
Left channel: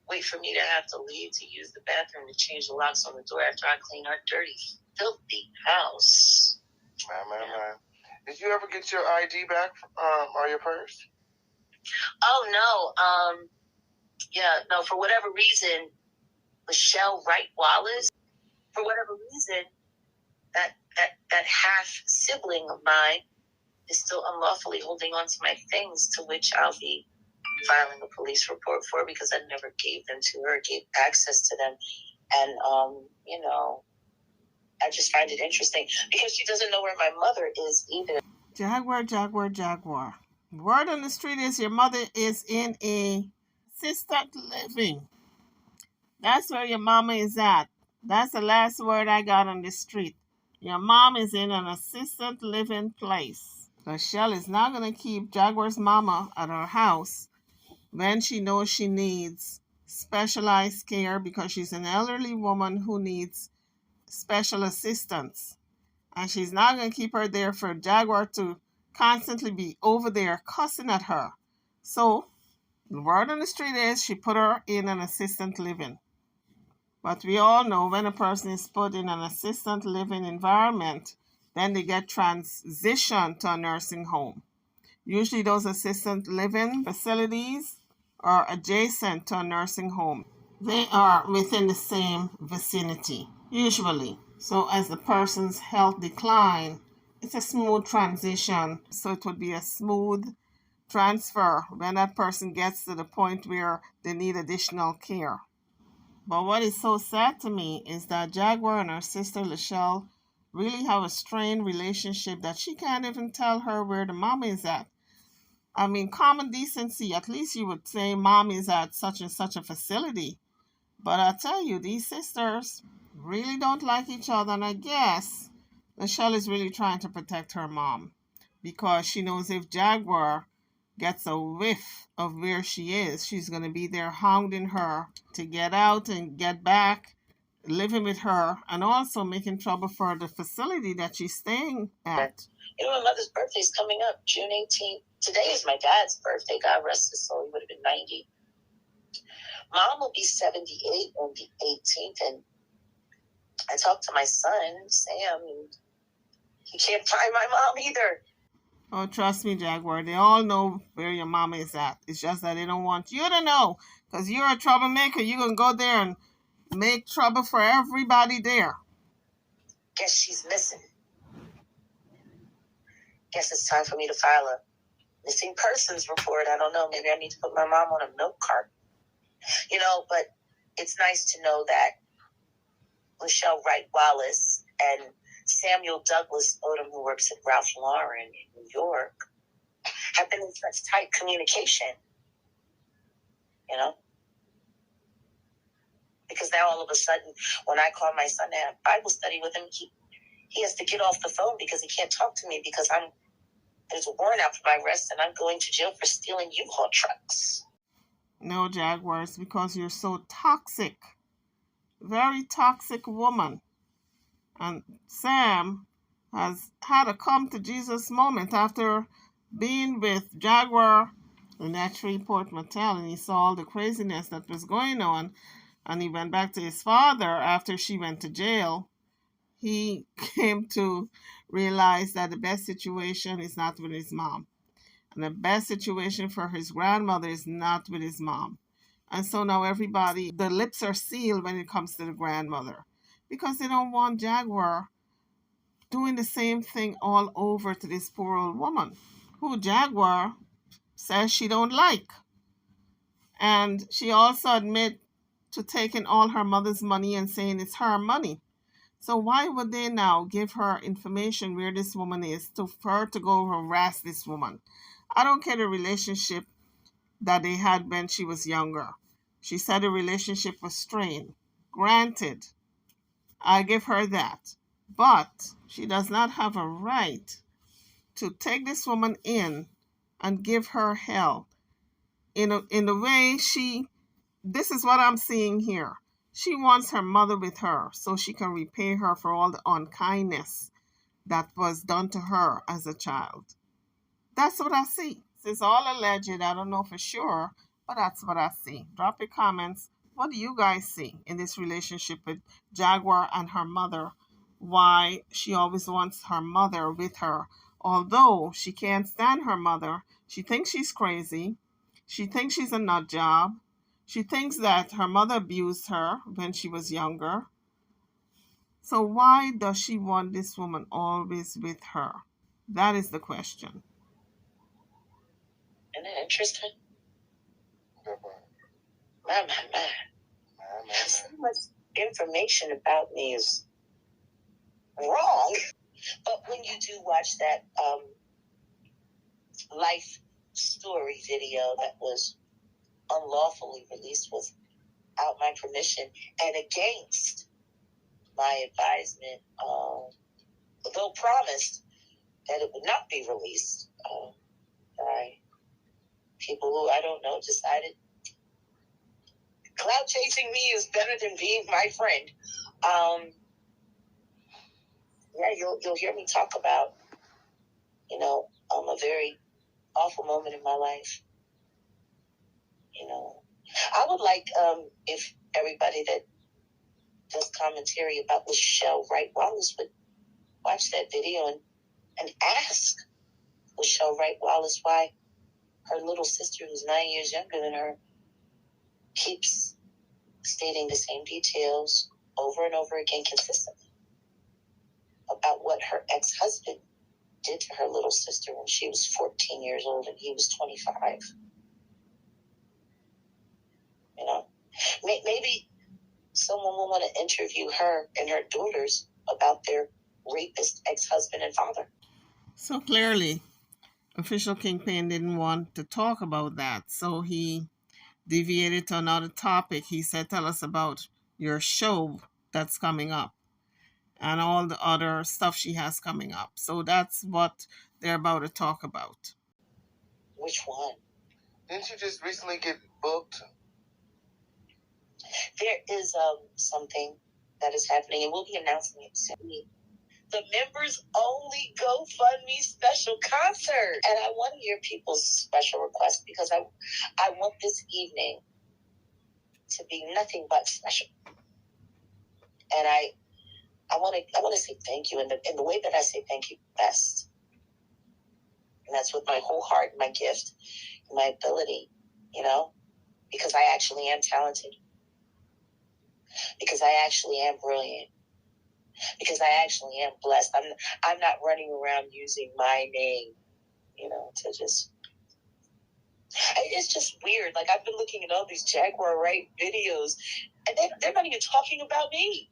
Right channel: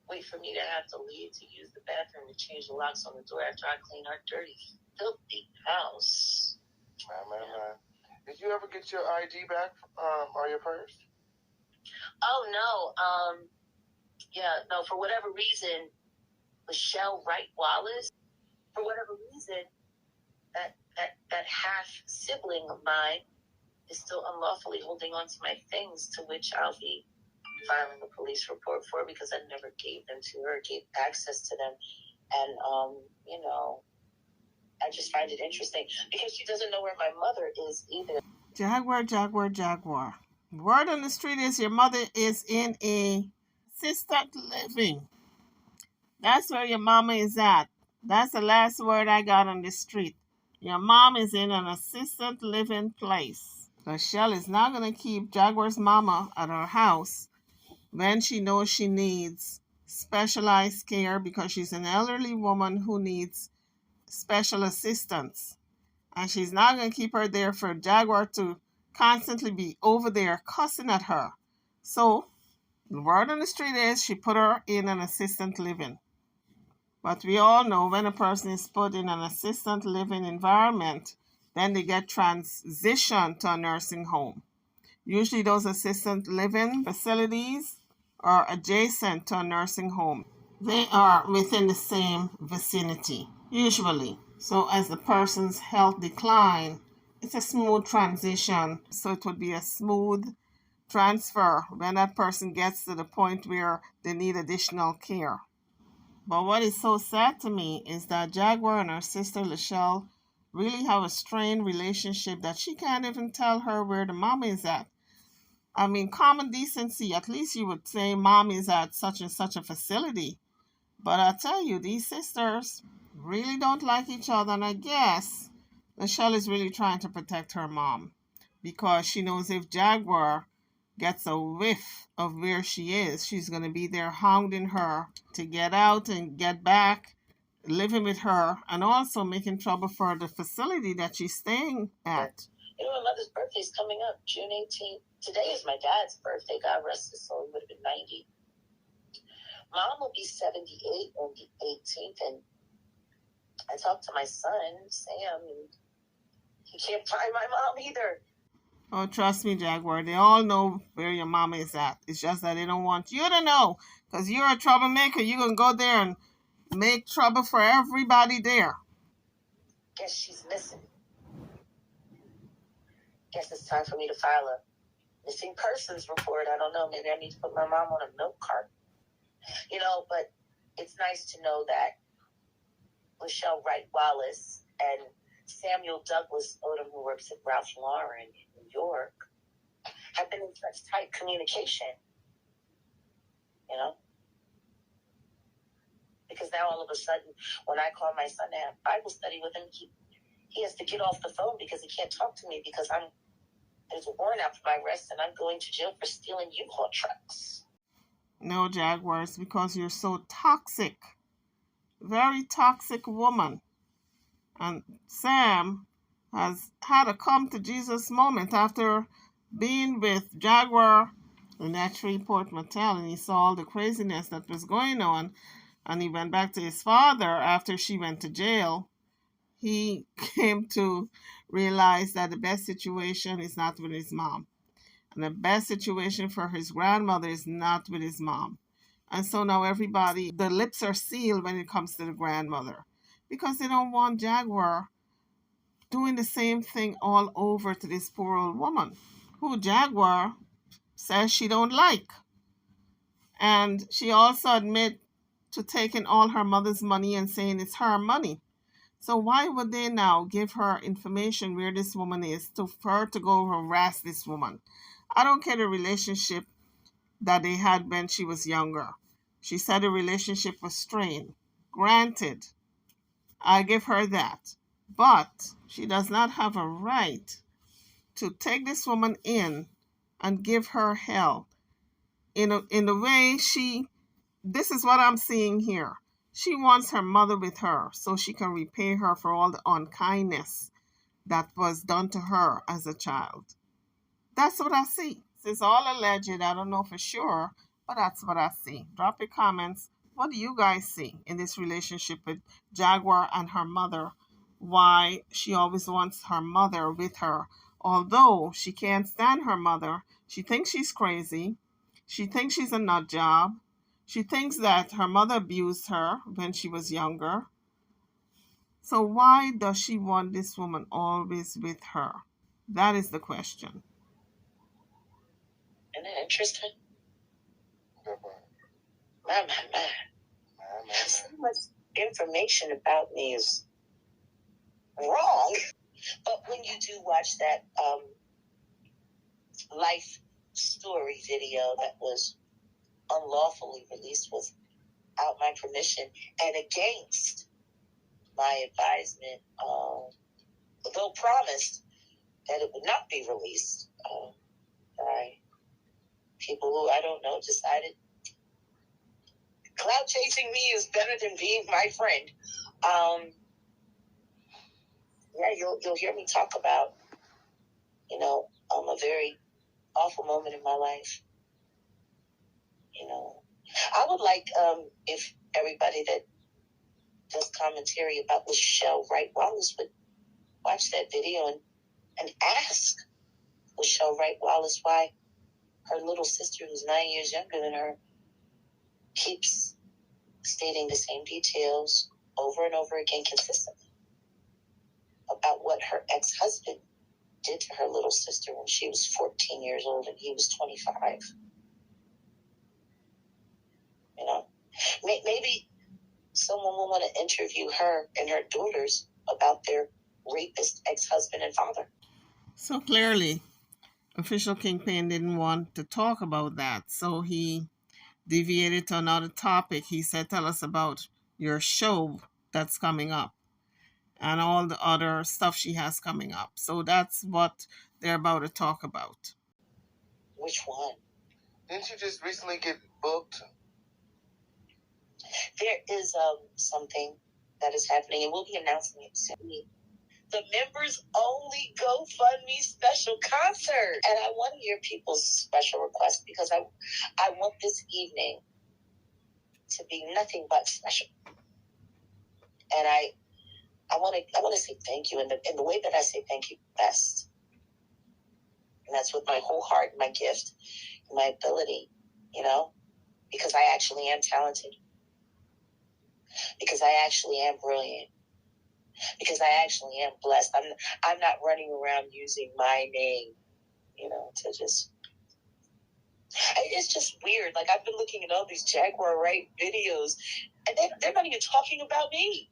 wait for me to have to leave to use the bathroom to change the locks on the door after I cleaned our dirty, filthy house. Man. Did you ever get your ID back or your purse? Oh, no. No, for whatever reason, Michelle Wright Wallace, for whatever reason, that half sibling of mine is still unlawfully holding on to my things, to which I'll be filing a police report for, because I never gave them to her, gave access to them. And, you know, I just find it interesting because she doesn't know where my mother is either. Jaguar. Word on the street is your mother is in a assisted living. That's where your mama is at. That's the last word I got on the street. Your mom is in an assisted living place. Michelle is not going to keep Jaguar's mama at her house when she knows she needs specialized care, because she's an elderly woman who needs special assistance. And she's not going to keep her there for Jaguar to constantly be over there cussing at her. So the word on the street is she put her in an assisted living. But we all know when a person is put in an assisted living environment, then they get transitioned to a nursing home. Usually those assisted living facilities are adjacent to a nursing home. They are within the same vicinity, usually. So as the person's health decline, it's a smooth transition. So it would be a smooth transfer when that person gets to the point where they need additional care. But what is so sad to me is that Jaguar and her sister Lachelle really have a strained relationship that she can't even tell her where the mom is at. I mean, common decency, at least you would say mom is at such and such a facility. But I tell you, these sisters really don't like each other, and I guess Lachelle is really trying to protect her mom because she knows if Jaguar gets a whiff of where she is, she's going to be there hounding her to get out and get back, living with her, and also making trouble for the facility that she's staying at. You know, my mother's birthday is coming up, June 18th. Today is my dad's birthday. God rest his soul. He would have been 90. Mom will be 78 on the 18th, and I talked to my son, Sam, and he can't find my mom either. Oh, trust me, Jaguar. They all know where your mama is at. It's just that they don't want you to know, because you're a troublemaker. You're going to go there and make trouble for everybody there. Guess she's missing. Guess it's time for me to file a missing persons report. I don't know. Maybe I need to put my mom on a milk cart. You know, but it's nice to know that Michelle Wright Wallace and Samuel Douglas Odom, who works at Ralph Lauren in New York, have been in such tight communication. You know? Because now all of a sudden, when I call my son to have Bible study with him, he has to get off the phone because he can't talk to me because there's a warrant out for my arrest and I'm going to jail for stealing U-Haul trucks. No, Jaguars, because you're so toxic. Very toxic woman. And Sam has had a come to Jesus moment after being with Jaguar in that Shreveport motel, and he saw all the craziness that was going on, and he went back to his father after she went to jail. He came to realize that the best situation is not with his mom, and the best situation for his grandmother is not with his mom. And so now everybody, the lips are sealed when it comes to the grandmother because they don't want Jaguar doing the same thing all over to this poor old woman who Jaguar says she don't like. And she also admit to taking all her mother's money and saying it's her money. So why would they now give her information where this woman is for her to go harass this woman? I don't care the relationship that they had when she was younger. She said the relationship was strained. Granted, I give her that. But she does not have a right to take this woman in and give her hell in the way this is what I'm seeing here. She wants her mother with her so she can repay her for all the unkindness that was done to her as a child. That's what I see. It's all alleged. I don't know for sure, but that's what I see. Drop your comments. What do you guys see in this relationship with Jaguar and her mother? Why she always wants her mother with her, although she can't stand her mother. She thinks she's crazy. She thinks she's a nut job. She thinks that her mother abused her when she was younger. So why does she want this woman always with her? That is the question. Isn't that interesting? My. So much information about me is wrong. But when you do watch that life story video that was unlawfully released without my permission and against my advisement, though promised that it would not be released by people who I don't know decided cloud chasing me is better than being my friend. Yeah, you'll hear me talk about, a very awful moment in my life. I would like if everybody that does commentary about Michelle Wright Wallace would watch that video and ask Michelle Wright Wallace why her little sister, who's 9 years younger than her, keeps stating the same details over and over again consistently about what her ex-husband did to her little sister when she was 14 years old and he was 25. Maybe someone will want to interview her and her daughters about their rapist ex-husband and father. So clearly, Official Kingpin didn't want to talk about that, so he deviated to another topic. He said, tell us about your show that's coming up and all the other stuff she has coming up. So that's what they're about to talk about. Which one? Didn't you just recently get booked? There is something that is happening, and we'll be announcing it soon. The members only GoFundMe special concert. And I want to hear people's special requests because I want this evening to be nothing but special. And I want to say thank you in the way that I say thank you best. And that's with my whole heart, my gift, my ability, because I actually am talented. Because I actually am brilliant. Because I actually am blessed. I'm not running around using my name, to just. It's just weird. Like, I've been looking at all these Jaguar Wright videos, and they're not even talking about me.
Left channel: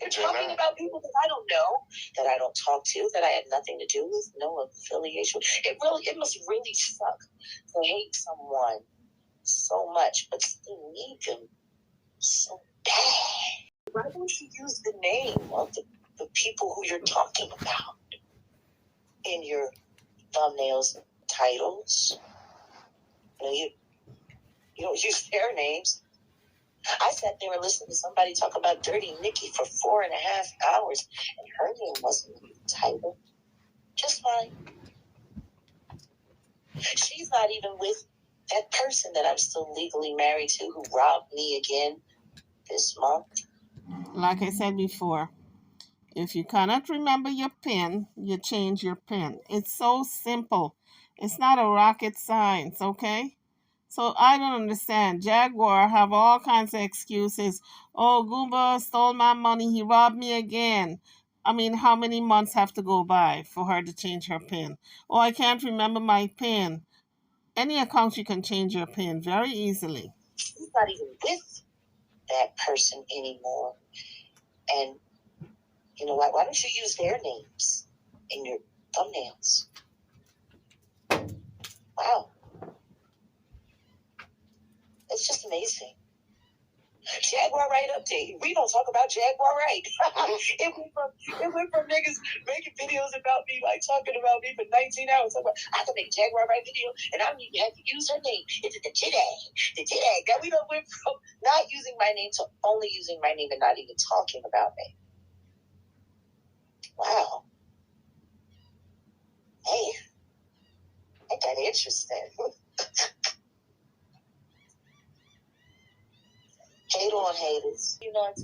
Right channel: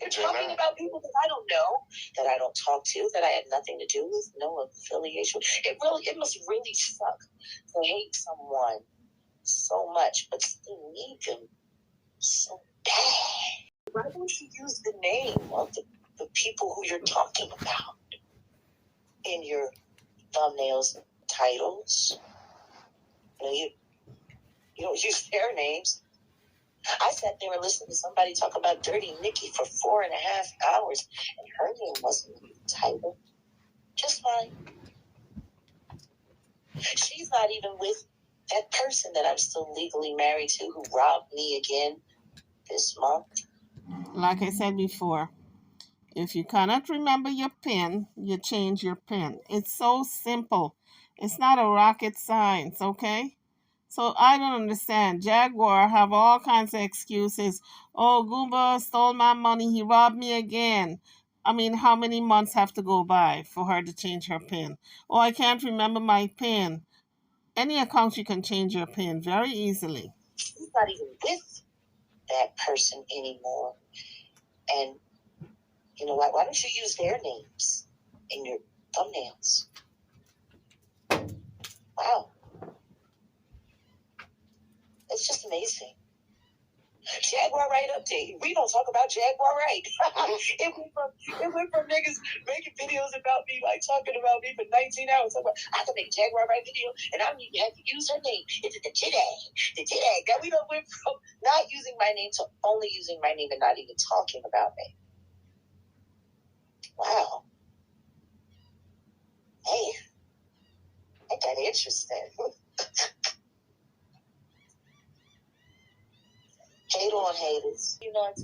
They're talking about people that I don't know, that I don't talk to, that I had nothing to do with, no affiliation. It must really suck to hate someone so much, but still need them so bad. Why don't you use the name of the people who you're talking about in your thumbnails and titles? You don't use their names. I sat there and listened to somebody talk about Dirty Nikki for 4.5 hours, and her name wasn't even titled. Just fine. She's not even with that person that I'm still legally married to who robbed me again this month. Like I said before, if you cannot remember your PIN, you change your PIN. It's so simple. It's not a rocket science, okay? So I don't understand. Jaguar have all kinds of excuses. Oh, Goomba stole my money. He robbed me again. I mean, how many months have to go by for her to change her PIN? Oh, I can't remember my PIN. Any account you can change your PIN very easily. She's not even with that person anymore. And you know what? Why don't you use their names in your thumbnails? Wow. It's just amazing. Jaguar Right update. We don't talk about Jaguar Right. it went from niggas making videos about me, like talking about me for 19 hours. I can make a Jaguar Right video, and I don't even have to use her name. It's the JDAG. The JDAG. Now we don't went from not using my name to only using my name and not even talking about me. Wow. Hey, ain't that interesting? Hate on haters. You know,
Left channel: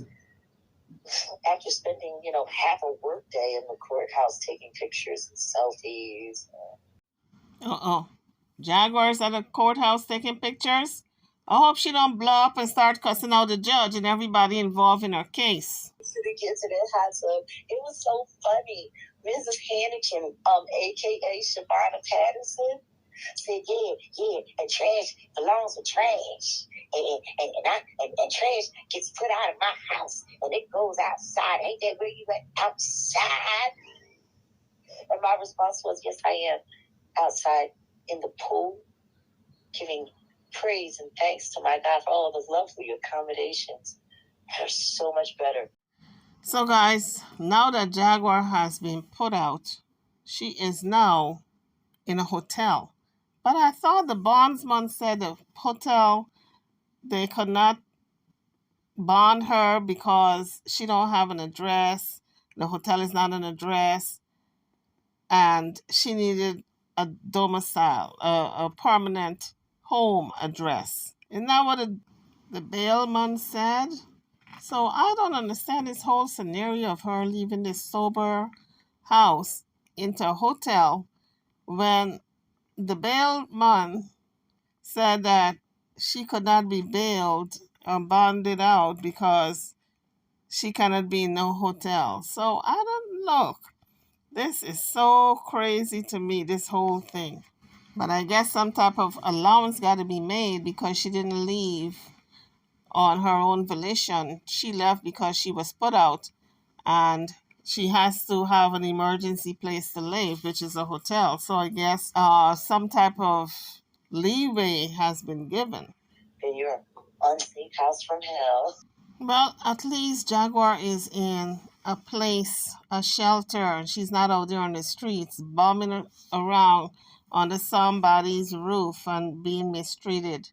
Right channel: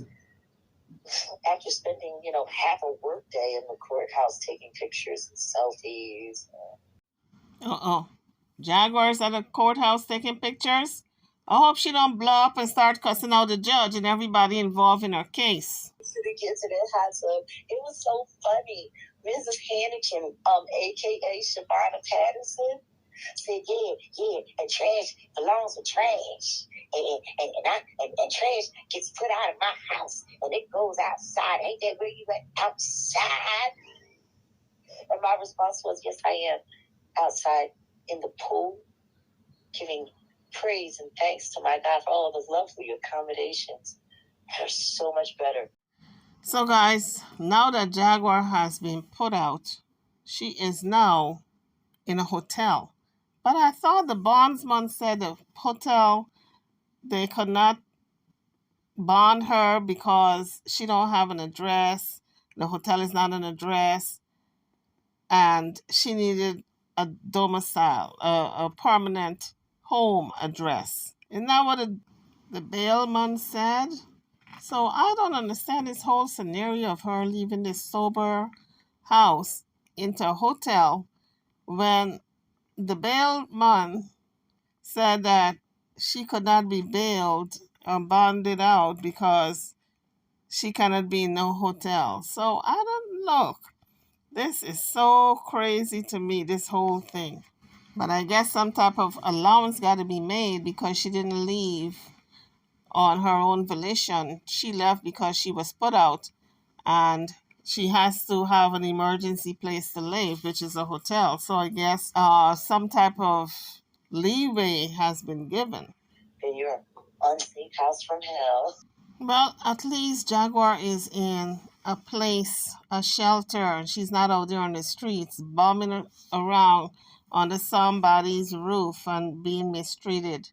after spending, half a workday in the courthouse taking pictures and selfies. Jaguars at the courthouse taking pictures? I hope she don't blow up and start cussing out the judge and everybody involved in her case. To get to that hot tub, it was so funny. Mrs. Hannigan, aka Shabana Patterson, said, yeah, and trash belongs with trash. And trash gets put out of my house and it goes outside. Ain't that where you went? Outside? And my response was, yes, I am outside in the pool, giving praise and thanks to my God for all of his lovely accommodations. They're so much better. So guys, now that Jaguar has been put out, she is now in a hotel. But I thought the bondsman said the hotel, they could not bond her because she don't have an address. The hotel is not an address. And she needed a domicile, a permanent home address. Isn't that what the bailman said? So I don't understand this whole scenario of her leaving this sober house into a hotel when the bailman said that she could not be bailed or bonded out because she cannot be in no hotel. So I don't look. This is so crazy to me, this whole thing. But I guess some type of allowance got to be made because she didn't leave on her own volition. She left because she was put out and she has to have an emergency place to live, which is a hotel. So I guess some type of leeway has been given. In your unsafe house from hell. Well, at least Jaguar is in a place, a shelter. She's not out there on the streets bumming around under somebody's roof and being mistreated.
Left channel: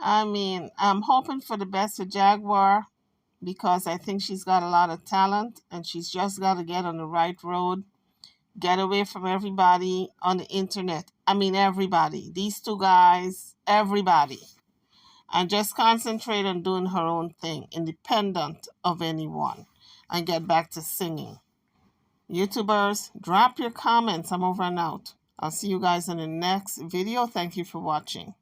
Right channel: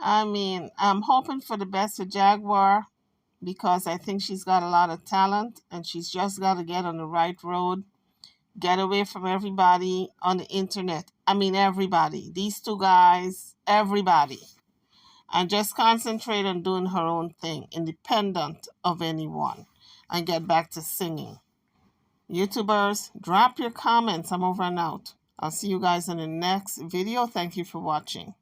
I mean, I'm hoping for the best for Jaguar because I think she's got a lot of talent and she's just got to get on the right road, get away from everybody on the internet. I mean, everybody. These two guys, everybody. And just concentrate on doing her own thing, independent of anyone, and get back to singing. YouTubers, drop your comments. I'm over and out. I'll see you guys in the next video. Thank you for watching.